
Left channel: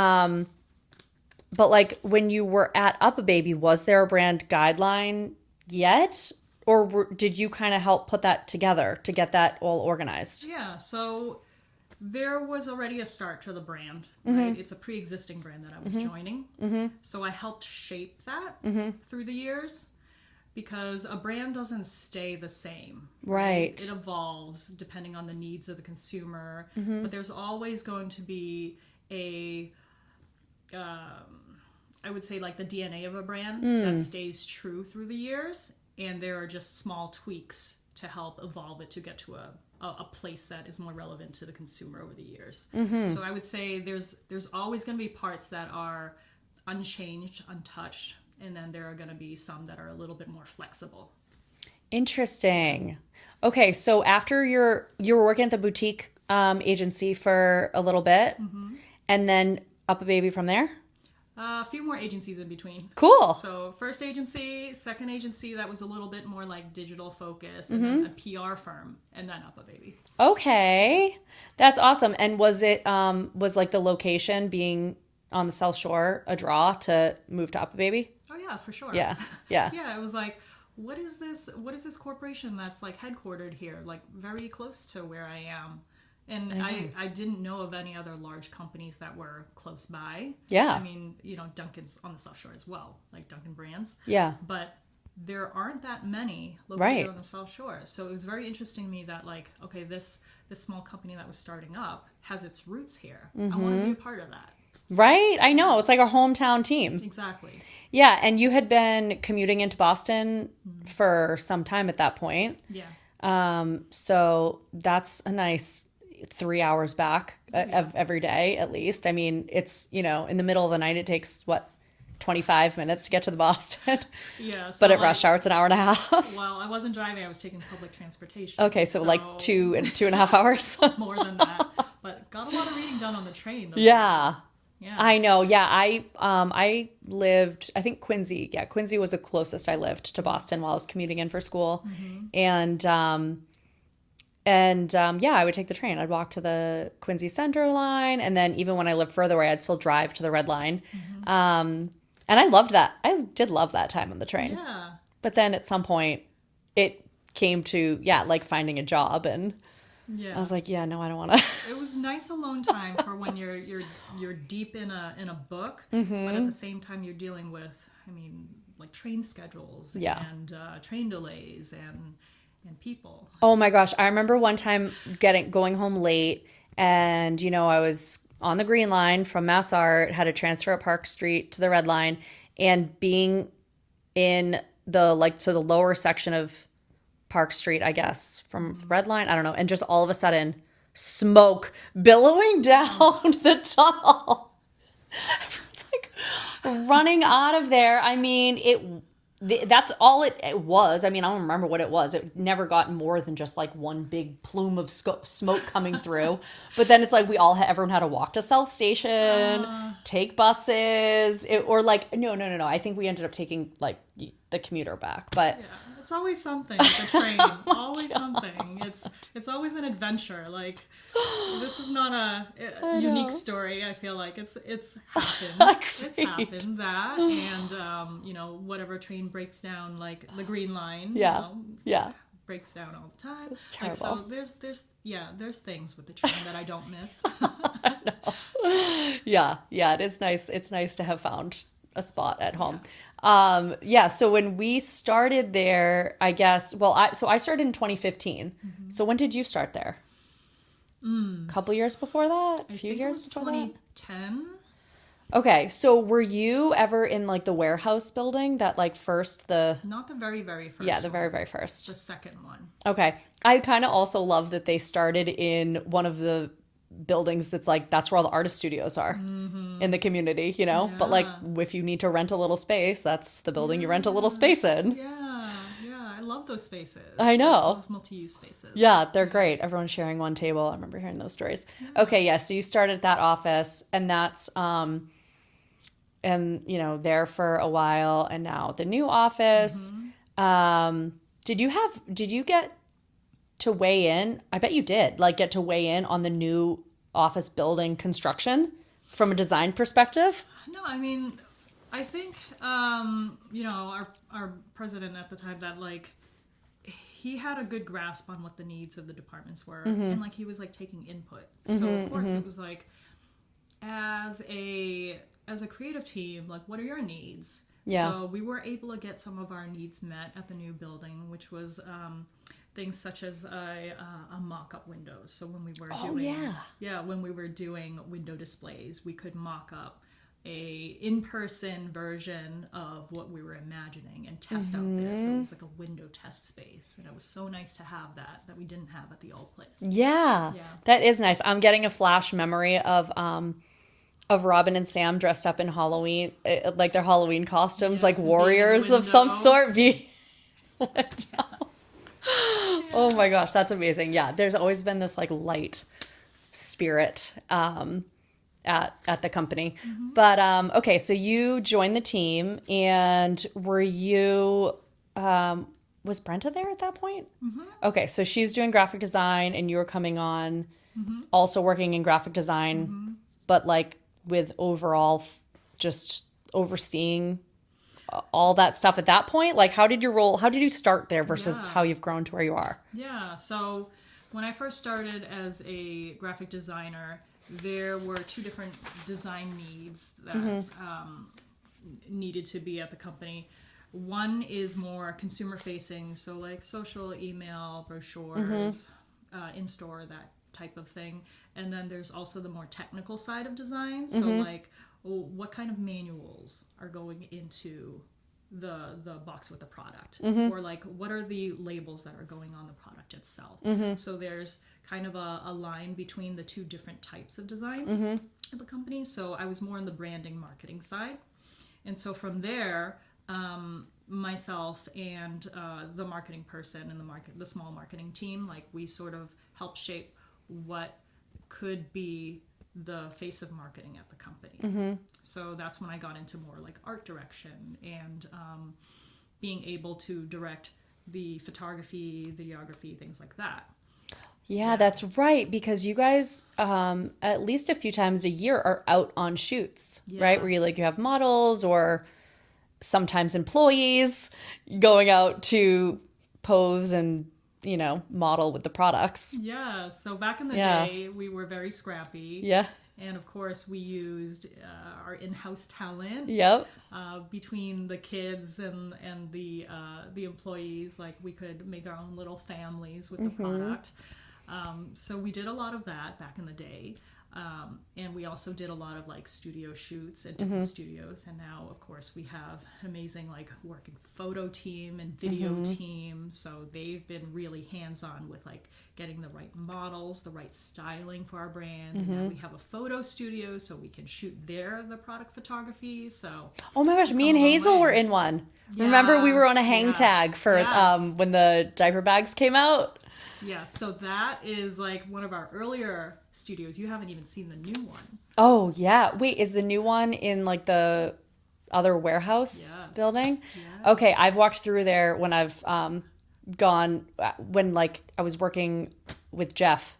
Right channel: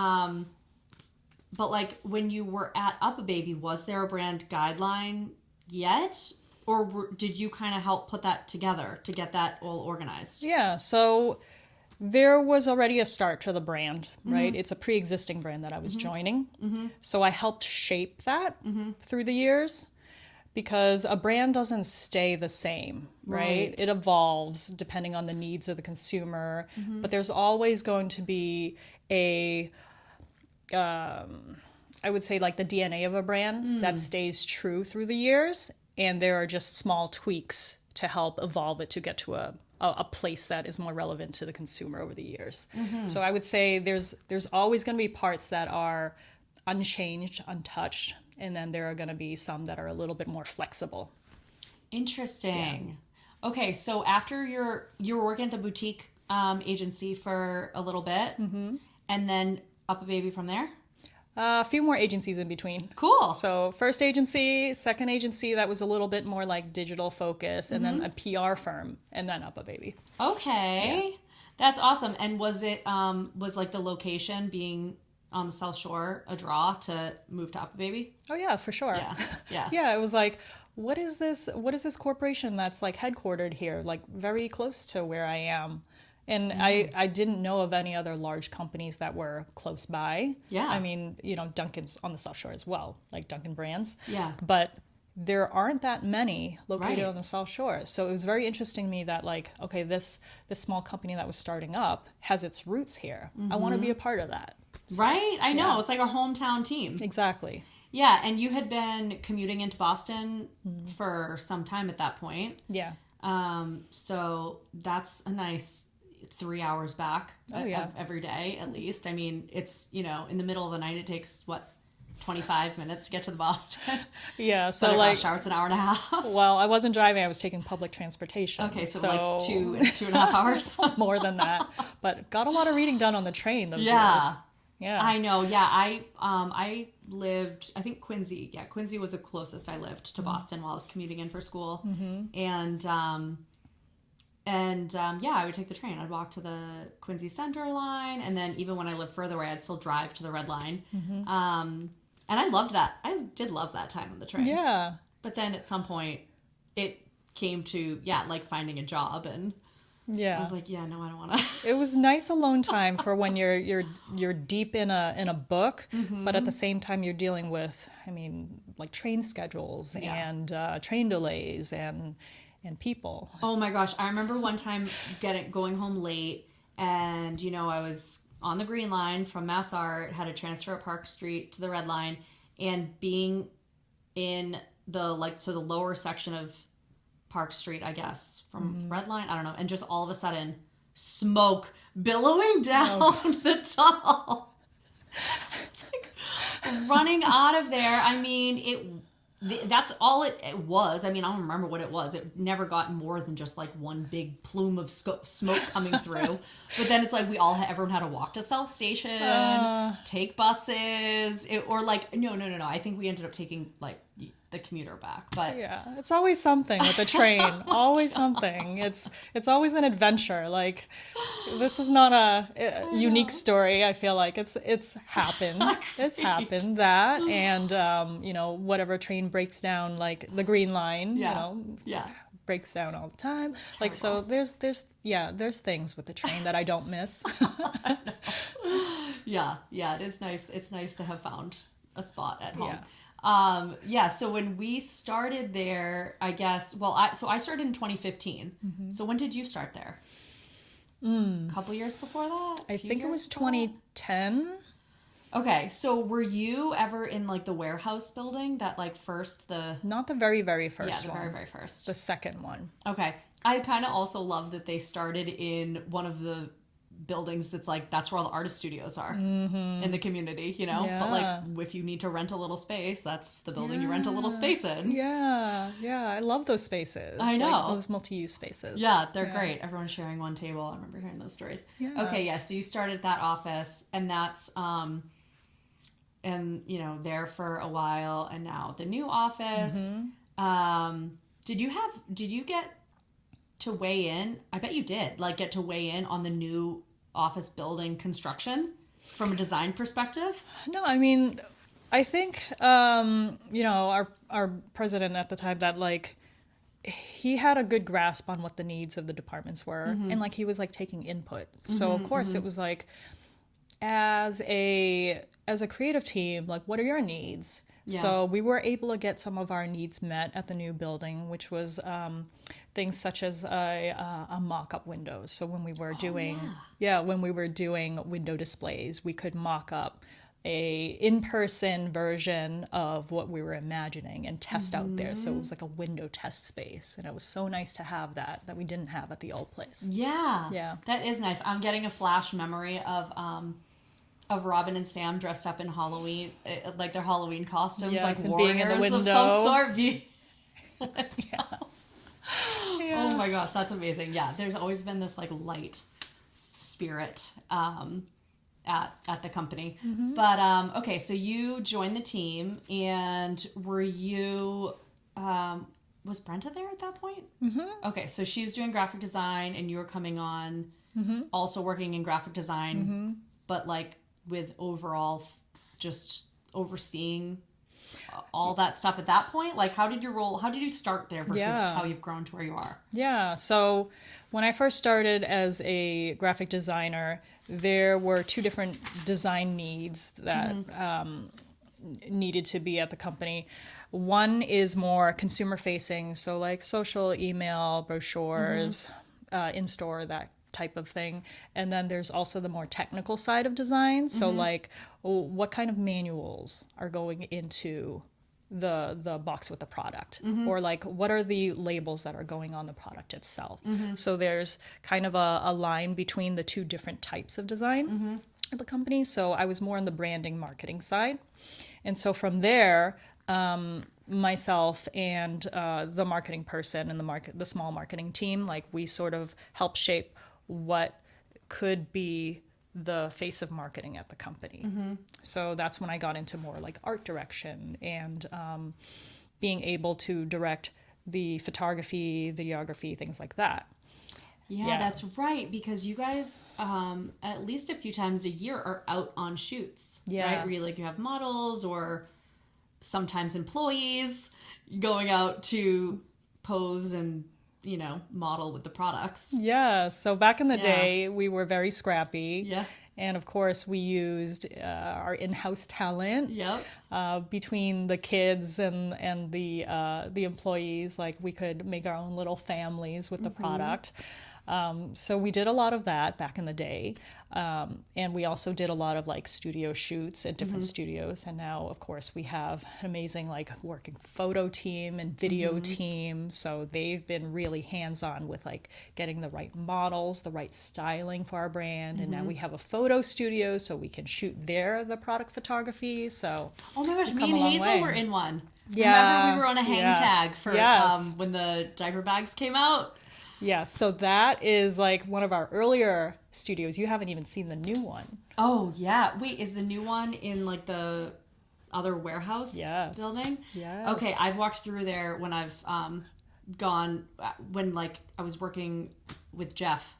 like when you were at UPPAbaby, was there a brand guideline yet? Or did you kind of help put that together to get that all organized? Yeah, so there was already a start to the brand, right? It's a pre-existing brand that I was joining. So I helped shape that through the years, because a brand doesn't stay the same, right? It evolves depending on the needs of the consumer, but there's always going to be a, I would say like the DNA of a brand that stays true through the years. And there are just small tweaks to help evolve it to get to a place that is more relevant to the consumer over the years. So I would say there's always going to be parts that are unchanged, untouched, and then there are going to be some that are a little bit more flexible. Interesting. Yeah. Okay, so after you were working at the boutique agency for a little bit, and then UPPAbaby from there? A few more agencies in between. Cool. So first agency, second agency, that was a little bit more like digital focus, and then a PR firm, and then UPPAbaby. Okay. That's awesome. And was it, was like the location being on the South Shore a draw to move to UPPAbaby? Oh yeah, for sure. Yeah. Yeah. Yeah, it was like, what is this corporation that's like headquartered here, like very close to where I am? And I didn't know of any other large companies that were close by. Yeah. I mean, you know, Dunkin's on the South Shore as well, like Dunkin' Brands. Yeah. But there aren't that many located on the South Shore. So it was very interesting to me that like, okay, this small company that was starting up has its roots here. I want to be a part of that. Right? I know. It's like a hometown team. Exactly. Yeah, and you had been commuting into Boston for some time at that point. Yeah. So that's a nice 3 hours back of every day, at least. I mean, it's, in the middle of the night, it takes, 25 minutes to get to the Boston. Yeah. So But at rush hour, it's an hour and a half. Well, I wasn't driving. I was taking public transportation. Okay, so like 2.5 hours. More than that. But got a lot of reading done on the train those Yeah. years. Yeah. I know. Yeah. I lived, I think Quincy. Yeah. Quincy was the closest I lived to Boston while I was commuting in for school. And yeah, I would take the train. I'd walk to the Quincy Central line. And then even when I lived further away, I'd still drive to the Red Line. And I loved that. I did love that time on the train. Yeah. But then at some point it came to, like finding a job, and Yeah. I was like, yeah, no, I don't want to. It was nice alone time for when you're deep in a book, but at the same time you're dealing with, like train schedules and train delays and people. Oh my gosh. I remember one time going home late, and, I was on the Green Line from MassArt, had a transfer at Park Street to the Red Line, and being in the lower section of Park Street, I guess, from Red Line, I don't know, and just all of a sudden, smoke billowing down the tunnel. It's like running out of there. I mean, that's all it was. I mean, I don't remember what it was. It never got more than just like one big plume of smoke coming through. But then it's like everyone had to walk to South Station, take buses, or like, no. I think we ended up taking like the commuter back. But yeah, it's always something with the train. Always something. It's always an adventure. Like, this is not a unique story. I feel like it's happened. It's happened that, and whatever train breaks down, like the Green Line. Breaks down all the time. Like, so there's things with the train that I don't miss. Yeah, it is nice. It's nice to have found a spot at home. So when we started there, I guess, I started in 2015. So when did you start there? A couple years before that? I think it was 2010. Okay, so were you ever in like the warehouse building that like Not the very, very first one. Yeah, the very, very first. The second one. Okay. I kind of also love that they started in one of the buildings that's where all the artist studios are in the community, but like if you need to rent a little space, that's the building you rent a little space in. I love those spaces. I know, like those multi-use spaces. They're great. Everyone's sharing one table. I remember hearing those stories. So you started that office, and that's there for a while, and now the new office. Did you get to weigh in? I bet you did, like, get to weigh in on the new office building construction from a design perspective? No, I mean, I think our president at the time, that like he had a good grasp on what the needs of the departments were, and like he was like taking input. So of course it was like, as a creative team, like, what are your needs? So we were able to get some of our needs met at the new building, which was things such as a mock-up windows. So when we were doing window displays, we could mock up a in-person version of what we were imagining and test out there. So it was like a window test space, and it was so nice to have that we didn't have at the old place. Yeah, that is nice. I'm getting a flash memory of Robin and Sam dressed up in Halloween, like their Halloween costumes, like warriors of some sort. Oh my gosh, that's amazing. Yeah, there's always been this like light spirit at the company. But okay, so you joined the team, and were you was Brenta there at that point? Okay, so she's doing graphic design, and you were coming on, also working in graphic design, but like with overall just overseeing all that stuff at that point. Like, how did you start there versus how you've grown to where you are? So when I first started as a graphic designer, there were two different design needs that needed to be at the company. One is more consumer facing, so like social, email, brochures, in-store, type of thing. And then there's also the more technical side of design. So like, what kind of manuals are going into the box with the product, or like what are the labels that are going on the product itself. So there's kind of a line between the two different types of design at the company. So I was more on the branding marketing side, and so from there, myself and the marketing person and the small marketing team, like we sort of help shape what could be the face of marketing at the company. So that's when I got into more like art direction and being able to direct the photography, videography, things like that. Yeah, that's right. Because you guys, at least a few times a year, are out on shoots, right? Where you have models or sometimes employees going out to pose and model with the products. Yeah. So back in the day, we were very scrappy. Yeah. And of course, we used our in-house talent. Yep. Between the kids and the employees, like we could make our own little families with the product. So we did a lot of that back in the day. And we also did a lot of like studio shoots at different studios. And now, of course, we have an amazing like working photo team and video team. So they've been really hands-on with like getting the right models, the right styling for our brand. And now we have a photo studio so we can shoot the product photography. So oh my gosh, me and Hazel were in one. Yeah. Remember we were on a hang tag for when the diaper bags came out? Yeah, so that is like one of our earlier studios. You haven't even seen the new one. Oh, yeah. Wait, is the new one in like the other warehouse building? Yeah. Okay, I've walked through there when I've gone, when like I was working with Jeff.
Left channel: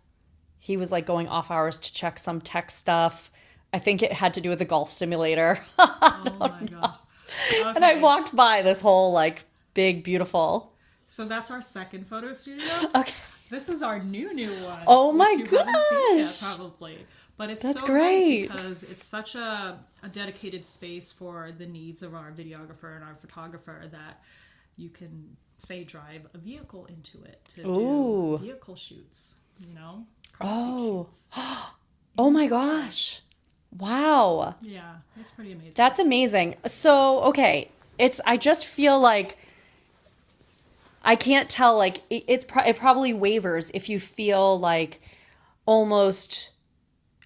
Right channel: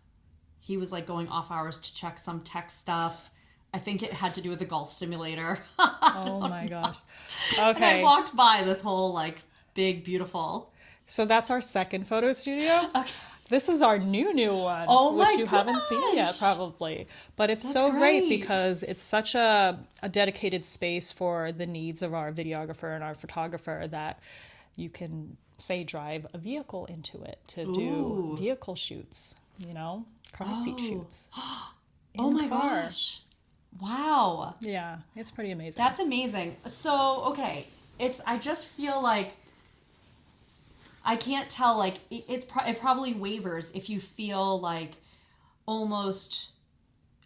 He was like going off hours to check some tech stuff. I think it had to do with the golf simulator. Oh my gosh. Okay. And I walked by this whole like big, beautiful. So that's our second photo studio. Okay. This is our new one. Oh my which you haven't seen yet, probably. But it's That's so great because it's such a dedicated space for the needs of our videographer and our photographer that you can, say, drive a vehicle into it to do vehicle shoots, car seat shoots. Oh my gosh. Wow. Yeah, it's pretty amazing. That's amazing. So, okay, I just feel like I can't tell, like, it probably wavers if you feel like almost,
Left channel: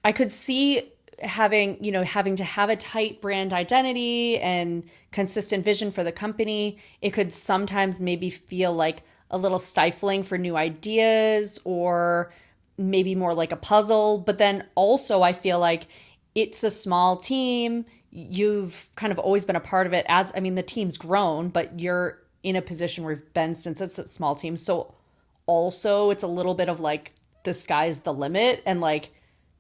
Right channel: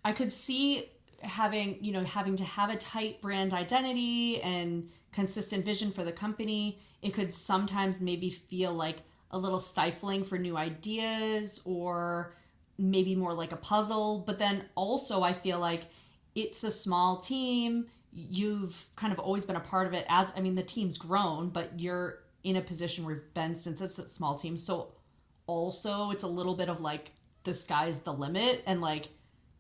I could see having to have a tight brand identity and consistent vision for the company. It could sometimes maybe feel like a little stifling for new ideas or maybe more like a puzzle. But then also I feel like it's a small team. You've kind of always been a part of it the team's grown, but you're in a position where you've been since it's a small team. So also it's a little bit of like the sky's the limit and like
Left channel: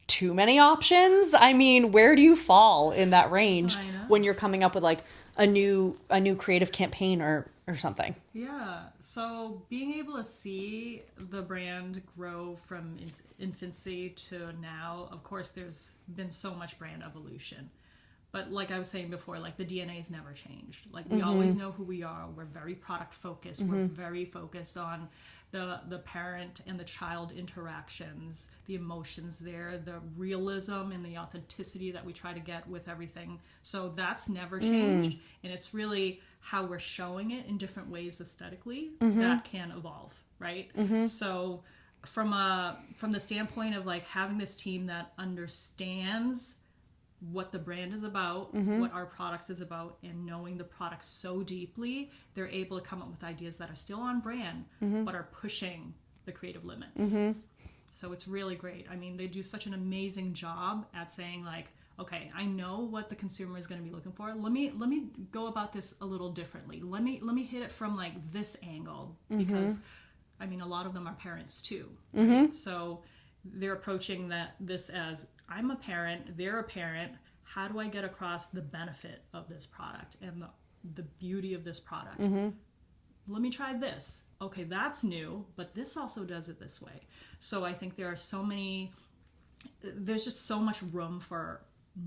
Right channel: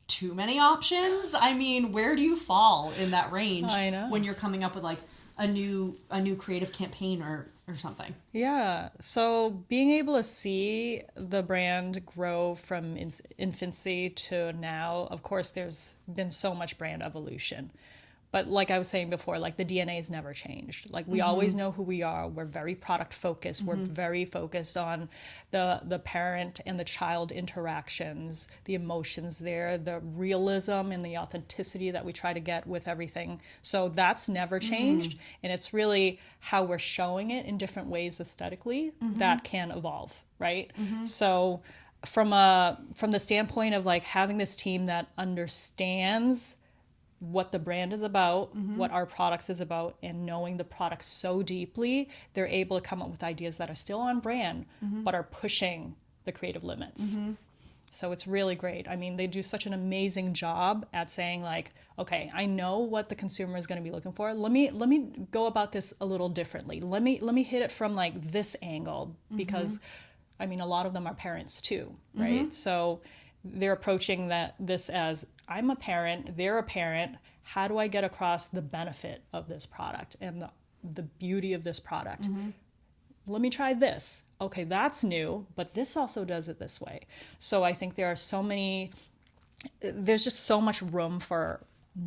too many options. I mean, where do you fall in that range when you're coming up with like a new creative campaign or something? Yeah. So being able to see the brand grow from infancy to now, of course, there's been so much brand evolution. But like I was saying before, like the DNA has never changed. Like we always know who we are. We're very product focused. We're very focused on the parent and the child interactions, the emotions there, the realism and the authenticity that we try to get with everything. So that's never changed. And it's really how we're showing it in different ways aesthetically that can evolve, right? So from the standpoint of like having this team that understands what the brand is about, what our products is about, and knowing the products so deeply, they're able to come up with ideas that are still on brand, but are pushing the creative limits. So it's really great. I mean, they do such an amazing job at saying like, okay, I know what the consumer is going to be looking for. Let me go about this a little differently. Let me hit it from like this angle, because I mean, a lot of them are parents too, right? So they're approaching this as, I'm a parent, they're a parent. How do I get across the benefit of this product and the beauty of this product? Let me try this. Okay, that's new, but this also does it this way. So I think there's just so much room for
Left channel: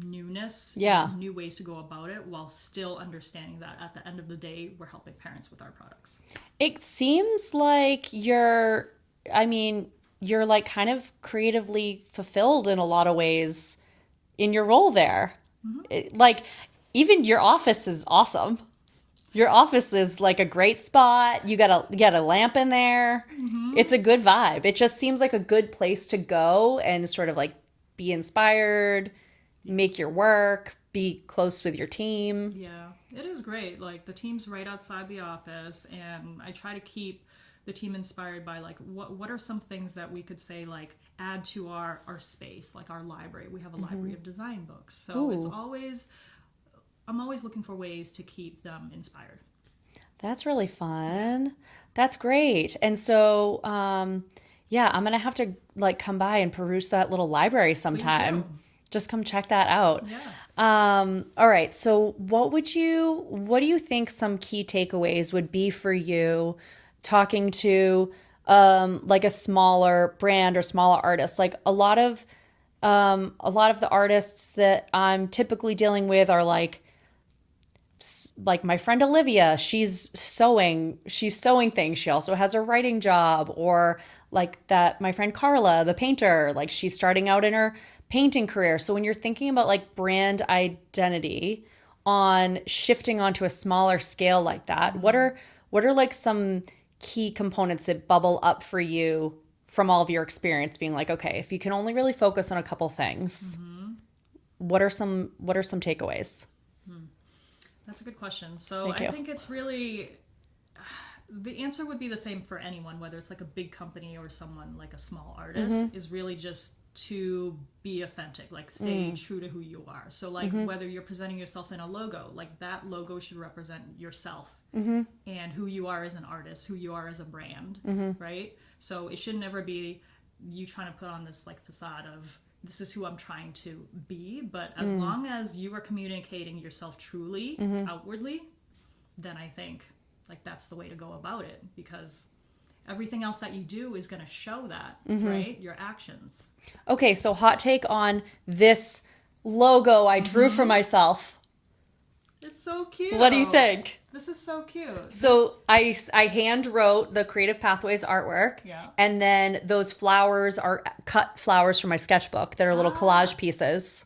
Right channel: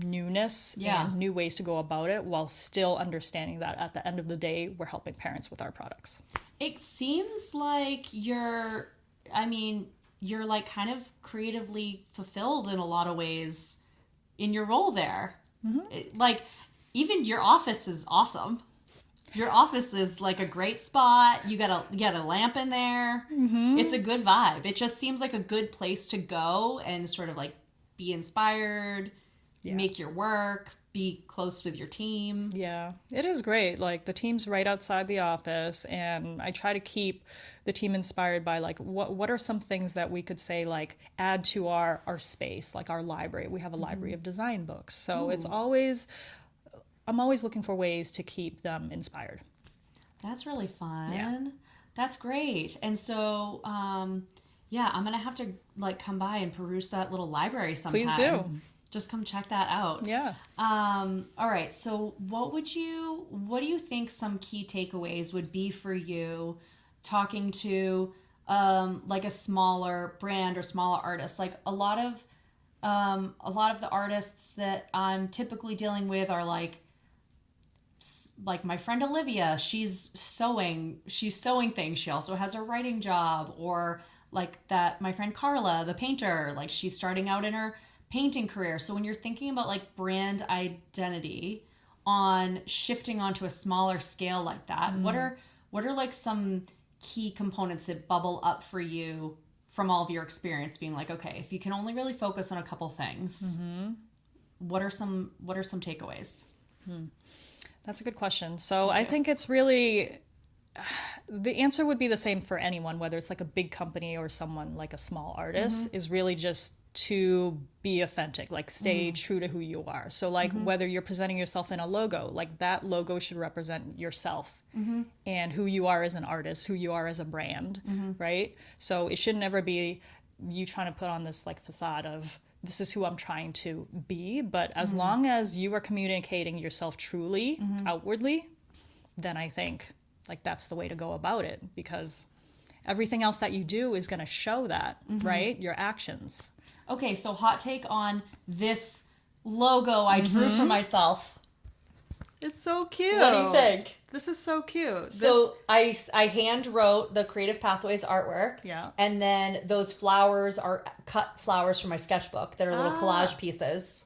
newness and new ways to go about it while still understanding that at the end of the day, we're helping parents with our products. It seems like you're like kind of creatively fulfilled in a lot of ways in your role there. Like even your office is awesome. Your office is like a great spot. You got a lamp in there. It's a good vibe. It just seems like a good place to go and sort of like be inspired, make your work, be close with your team. Yeah, it is great. Like the team's right outside the office, and I try to keep the team inspired by like what are some things that we could say like add to our space, like our library. We have a library of design books. So it's always I'm always looking for ways to keep them inspired. That's really fun. That's great. And so yeah, I'm going to have to like come by and peruse that little library sometime. Please do. Just come check that out. Yeah. All right. So what do you think some key takeaways would be for you talking to like a smaller brand or smaller artist? Like a lot of the artists that I'm typically dealing with are like my friend Olivia, she's sewing things. She also has a writing job. Or like that, my friend Carla, the painter, like she's starting out in her painting career. So when you're thinking about like brand identity on shifting onto a smaller scale like that, what are like some key components that bubble up for you from all of your experience being like, okay, if you can only really focus on a couple things, what are some takeaways? That's a good question. So I think it's really, the answer would be the same for anyone, whether it's like a big company or someone like a small artist, is really just to be authentic, like stay true to who you are. So like whether you're presenting yourself in a logo, like that logo should represent yourself and who you are as an artist, who you are as a brand, right? So it should never be you trying to put on this like facade of this is who I'm trying to be, but as long as you are communicating yourself truly outwardly, then I think like that's the way to go about it, because everything else that you do is going to show that, right? Your actions. Okay, so hot take on this logo I drew for myself. It's so cute. What do you think? This is so cute. So I hand wrote the Creative Pathways artwork. Yeah. And then those flowers are cut flowers from my sketchbook. They're little collage pieces.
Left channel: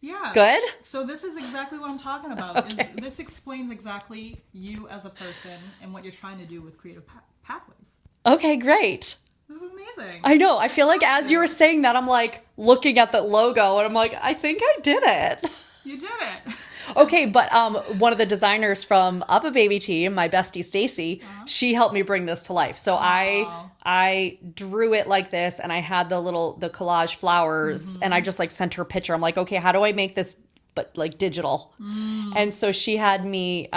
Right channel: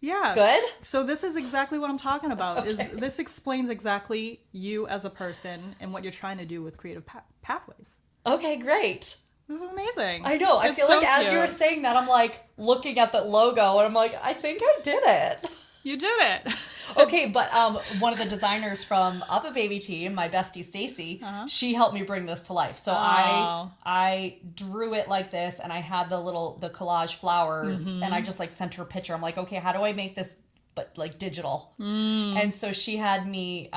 Yeah. Good? So this is exactly what I'm talking about. Okay. This explains exactly you as a person and what you're trying to do with Creative Pathways. Okay, great. This is amazing. I know. I It's feel so like as you were cute. saying that, I'm like looking at the logo and I'm like, I think I did it. You did it. Okay, but one of the designers from UPPAbaby team, my bestie Stacy, she helped me bring this to life. So I drew it like this, and I had the collage flowers, and I just like sent her a picture. I'm like, okay, how do I make this but like digital? And so she had me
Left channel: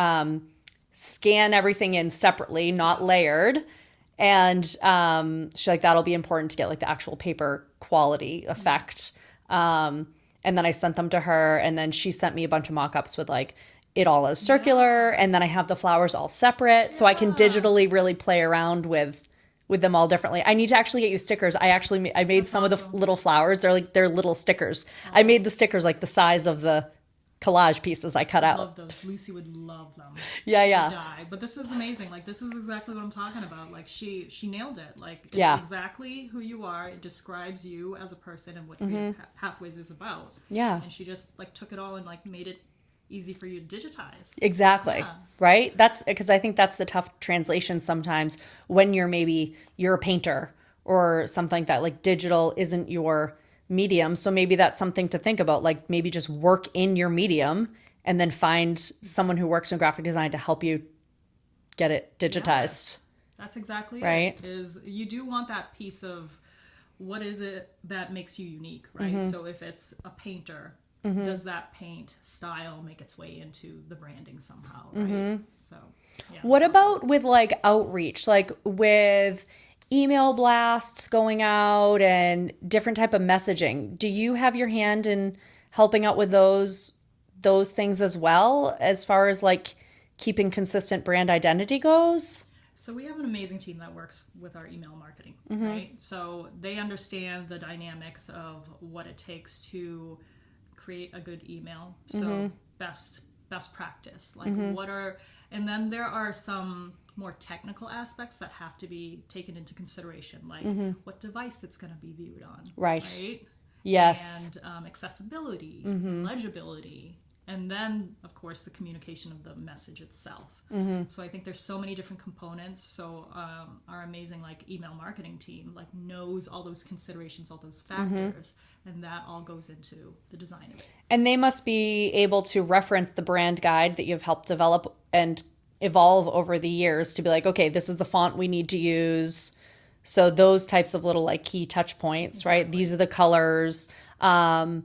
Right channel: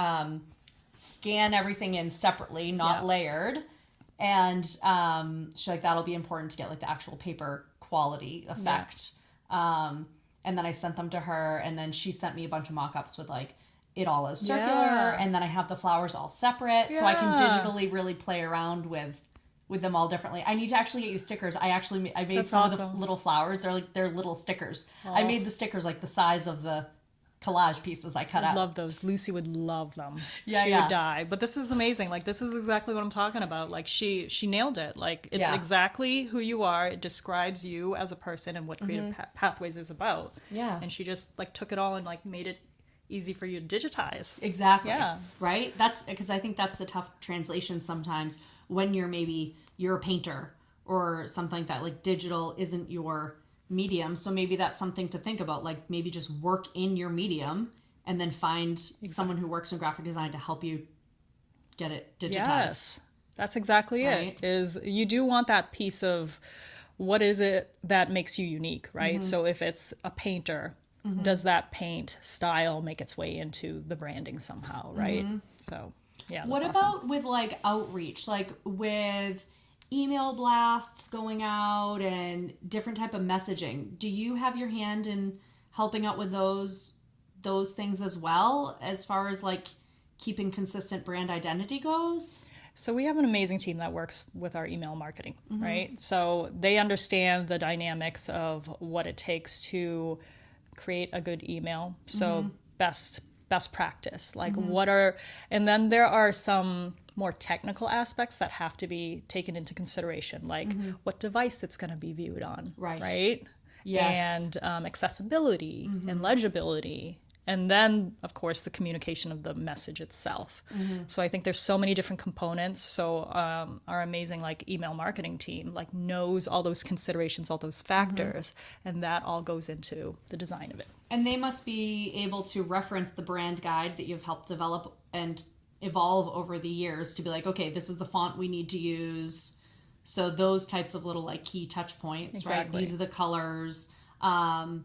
scan everything in separately, not layered. And she's like, that'll be important to get like the actual paper quality effect. And then I sent them to her, and then she sent me a bunch of mock-ups with like it all as circular, and then I have the flowers all separate, so I can digitally really play around with them all differently. I need to actually get you stickers. I made That's some of awesome. the little flowers. They're little stickers. I made the stickers like the size of the collage pieces I cut I out. love those. Lucy would love them. Yeah, she yeah. would die. But this is amazing. Like this is exactly what I'm talking about. Like she nailed it. Like it's Yeah. exactly who you are. It describes you as a person and what Creative Pathways is about. Yeah. And she just like took it all and like made it easy for you to digitize. Exactly. Yeah. Right? That's because I think that's the tough translation sometimes when you're a painter or something like that. Like digital isn't your medium. So maybe that's something to think about. Like maybe just work in your medium and then find someone who works in graphic design to help you get it digitized. Yes. That's exactly Right? it. Is you do want that piece of what is it that makes you unique, right? So if it's a painter, does that paint style make its way into the branding somehow, right? So yeah. What that's awesome. about with like outreach, like with email blasts going out and different type of messaging? Do you have your hand in helping out with those things as well, as far as like keeping consistent brand identity goes? So we have an amazing team that works with our email marketing, right? So they understand the dynamics of what it takes to create a good email. So best practice, like and then there are some more technical aspects that have to be taken into consideration, like what device it's going to be viewed on. Right? Yes. And accessibility and legibility. And then, of course, the communication of the message itself. So I think there's so many different components. So our amazing email marketing team knows all those considerations, all those factors, and that all goes into the design of it. And they must be able to reference the brand guide that you've helped develop and evolve over the years to be like, okay, this is the font we need to use. So those types of little key touch points, right? These are the colors. Yeah,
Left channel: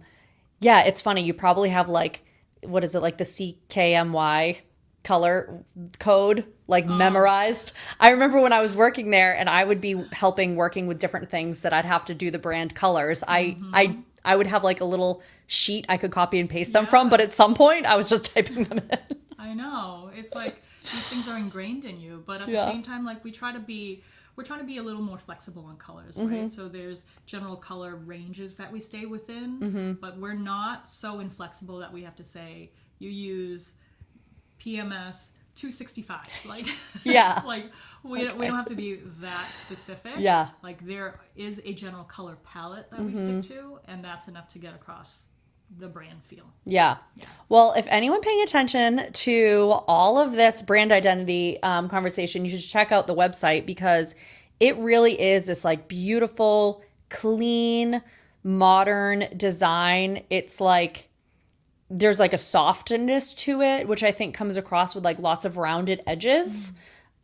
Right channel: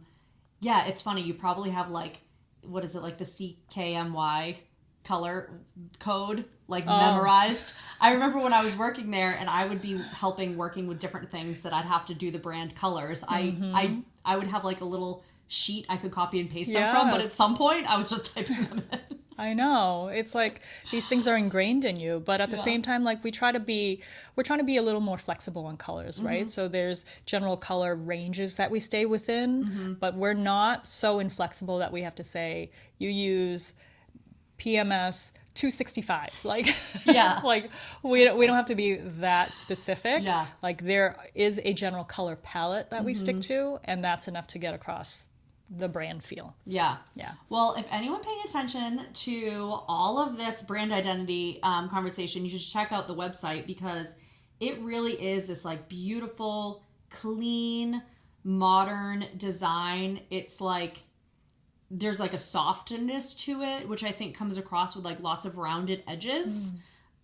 it's funny. You probably have what is it, the CKMY color code memorized. I remember when I was working there and I would be working with different things that I'd have to do the brand colors. I would have a little sheet I could copy and paste them from, but at some point I was just typing them in. I know. It's these things are ingrained in you, but at the same time, we're trying to be a little more flexible on colors, right? So there's general color ranges that we stay within, but we're not so inflexible that we have to say, you use PMS 265. We don't have to be that specific. Yeah. There is a general color palette that we stick to, and that's enough to get across the brand feel. Yeah. Well, if anyone paying attention to all of this brand identity conversation, you should check out the website because it really is this beautiful, clean, modern design. It's there's a softness to it, which I think comes across with lots of rounded edges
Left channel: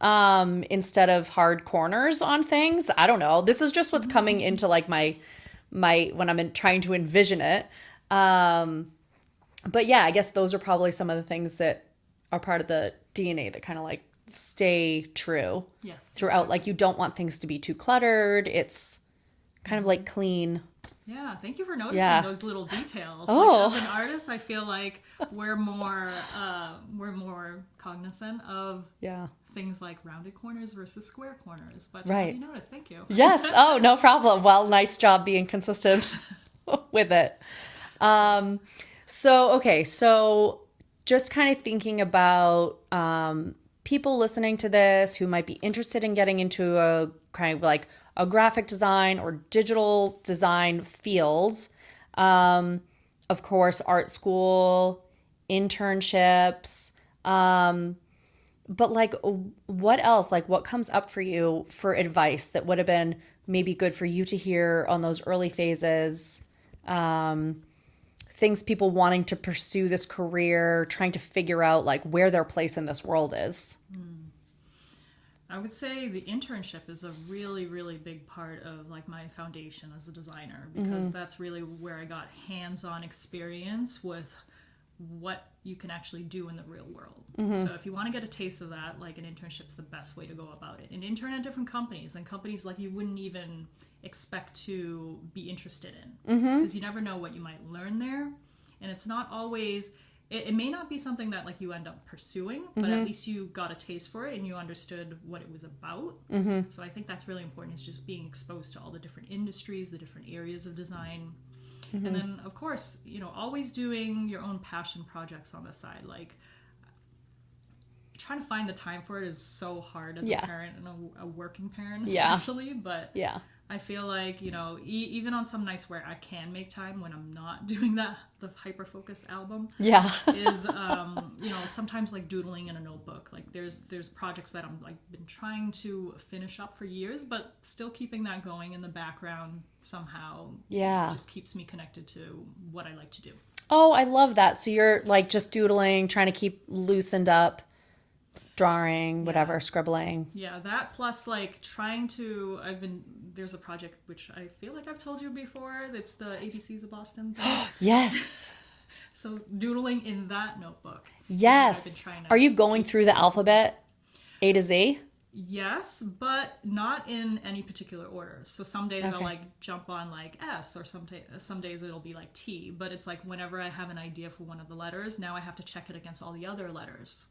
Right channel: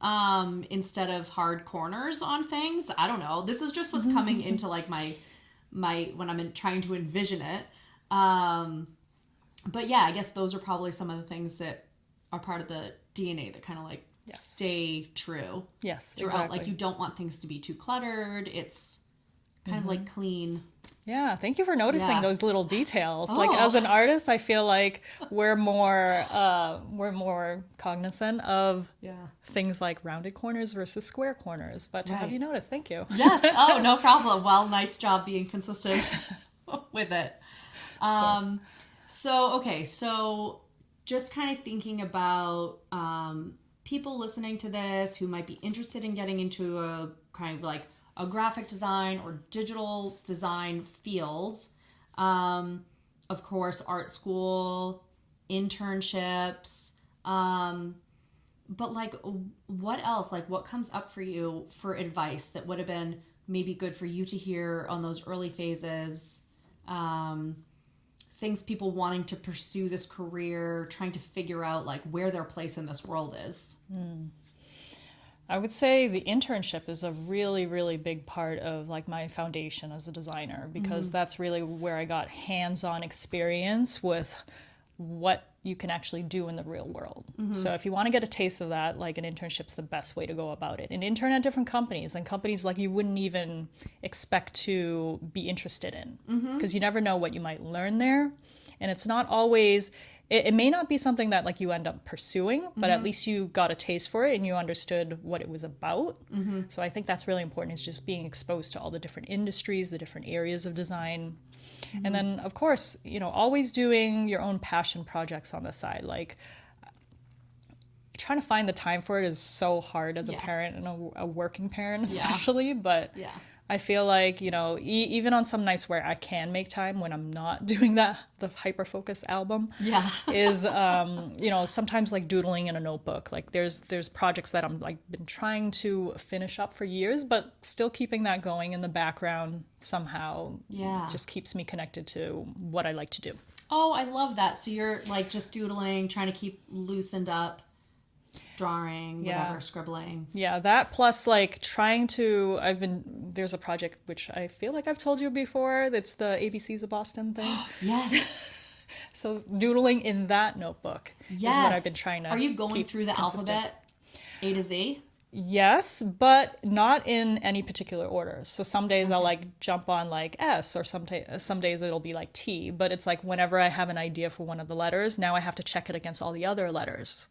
instead of hard corners on things. I don't know. This is just what's coming into my when I'm trying to envision it. But yeah, I guess those are probably some of the things that are part of the DNA that kind of stay true. Yes. Throughout. Exactly. You don't want things to be too cluttered. It's kind of clean. Yeah. Thank you for noticing those little details. Oh. As an artist, I feel we're more cognizant of things like rounded corners versus square corners. But to have you notice, thank you. Yes. Oh, no problem. Well, nice job being consistent with it. So just kind of thinking about people listening to this who might be interested in getting into a kind of a graphic design or digital design fields. Of course, art school, internships, but what else? What comes up for you for advice that would have been maybe good for you to hear on those early phases? Things people wanting to pursue this career, trying to figure out where their place in this world is. I would say the internship is a really, really big part of my foundation as a designer, because that's really where I got hands-on experience with what you can actually do in the real world. So if you want to get a taste of that, an internship's the best way to go about it. And intern at different companies, and companies you wouldn't even expect to be interested in, because you never know what you might learn there. And it's not always, it may not be something that you end up pursuing, but at least you got a taste for it and you understood what it was about. So I think that's really important, is just being exposed to all the different industries, the different areas of design. And then, of course, always doing your own passion projects on the side. Trying to find the time for it is so hard as a parent and a working parent especially. But I feel even on some nights where I can make time when I'm not doing the hyper focus album is sometimes doodling in a notebook. There's projects that I'm been trying to finish up for years, but still keeping that going in the background somehow just keeps me connected to what I like to do. Oh, I love that. So you're just doodling, trying to keep loosened up, drawing, whatever, scribbling. Yeah, that plus there's a project which I feel I've told you before, that's the ABCs of Boston thing. Yes. So doodling in that notebook is what I've been trying to Are you going through the alphabet A to Z? Yes, but not in any particular order. So some days I'll jump on S, or some days it'll be T, but it's whenever I have an idea for one of the letters, now I have to check it against all the other letters.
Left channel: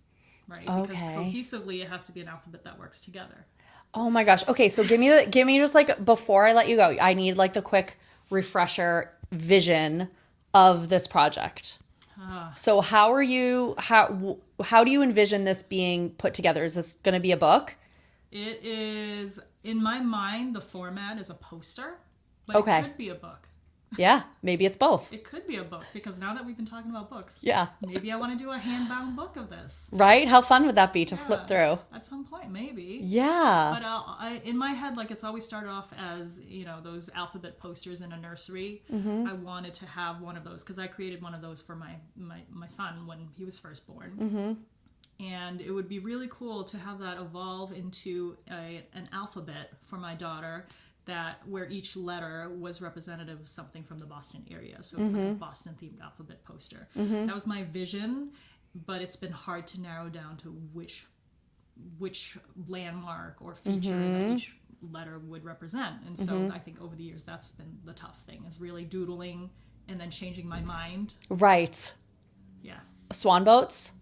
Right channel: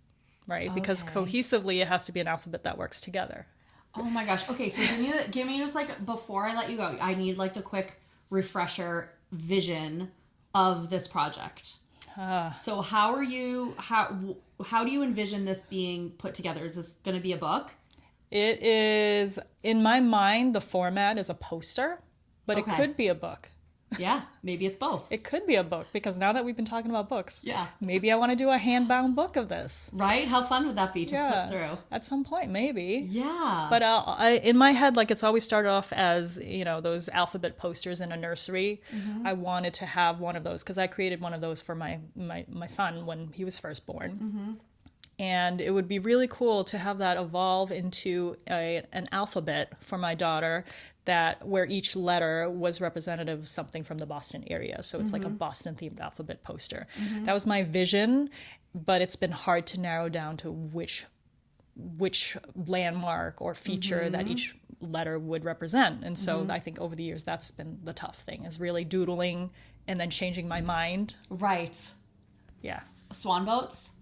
Right, because cohesively it has to be an alphabet that works together. Oh my gosh. Okay, so give me just before I let you go, I need the quick refresher vision of this project. So how do you envision this being put together? Is this going to be a book? It is, in my mind, the format is a poster, but Okay. it could be a book. Yeah, maybe it's both. It could be a book, because now that we've been talking about books, Yeah. maybe I want to do a hand-bound book of this. Right? How fun would that be to flip through? At some point, maybe. Yeah. But in my head, like, it's always started off as, those alphabet posters in a nursery. I wanted to have one of those because I created one of those for my son when he was first born. And it would be really cool to have that evolve into an alphabet for my daughter, where each letter was representative of something from the Boston area. So it's like a Boston themed alphabet poster. That was my vision, but it's been hard to narrow down to which landmark or feature that each letter would represent. And so I think over the years that's been the tough thing, is really doodling and then changing my mind. Right. Yeah. Swan boats?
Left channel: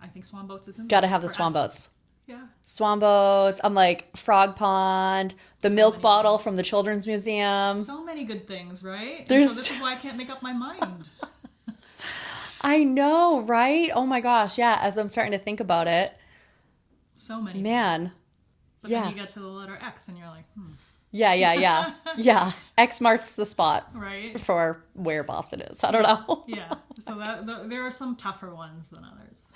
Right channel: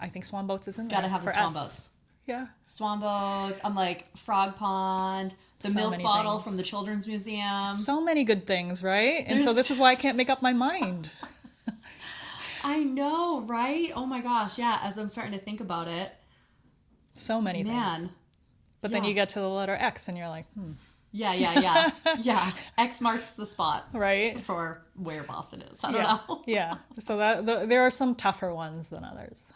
I think swan boats is in there. Gotta have the for swan us. boats. Yeah. Swan boats. I'm like frog pond, the So milk many bottle things. from the children's museum. So many good things, right? And so There's- this is why I can't make up my mind. I know, right? Oh my gosh, yeah. As I'm starting to think about it, So many things. man. But yeah. then you get to the letter X and you're like, Yeah. Yeah. X marks the spot right? for where Boston is. I don't know. Yeah. So there are some tougher ones than others.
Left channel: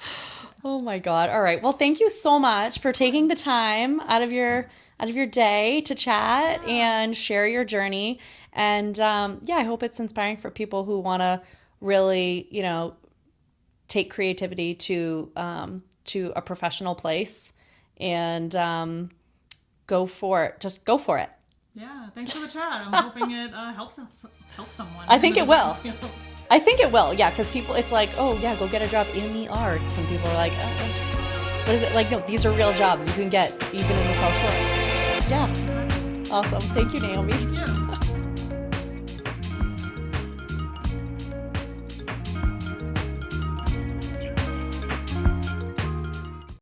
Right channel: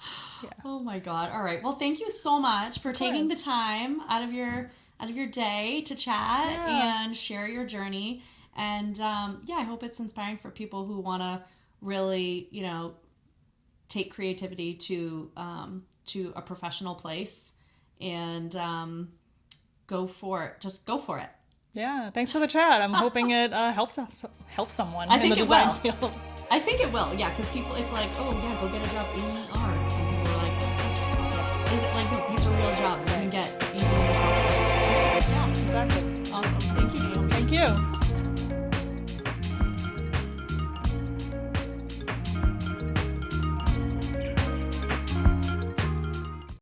Oh my God. All right. Well, thank you so much for taking the time out of your day to chat and share your journey. And I hope it's inspiring for people who want to really, take creativity to a professional place and go for it. Just go for it. Yeah. Thanks for the chat. I'm hoping it helps someone. I in think the it design will. field. I think it will. Yeah, because people, it's like, oh yeah, go get a job in the arts, and people are like, what is it? Like, no, these are real jobs you can get even in this house. Yeah. Exactly. Awesome. Thank you, Naomi.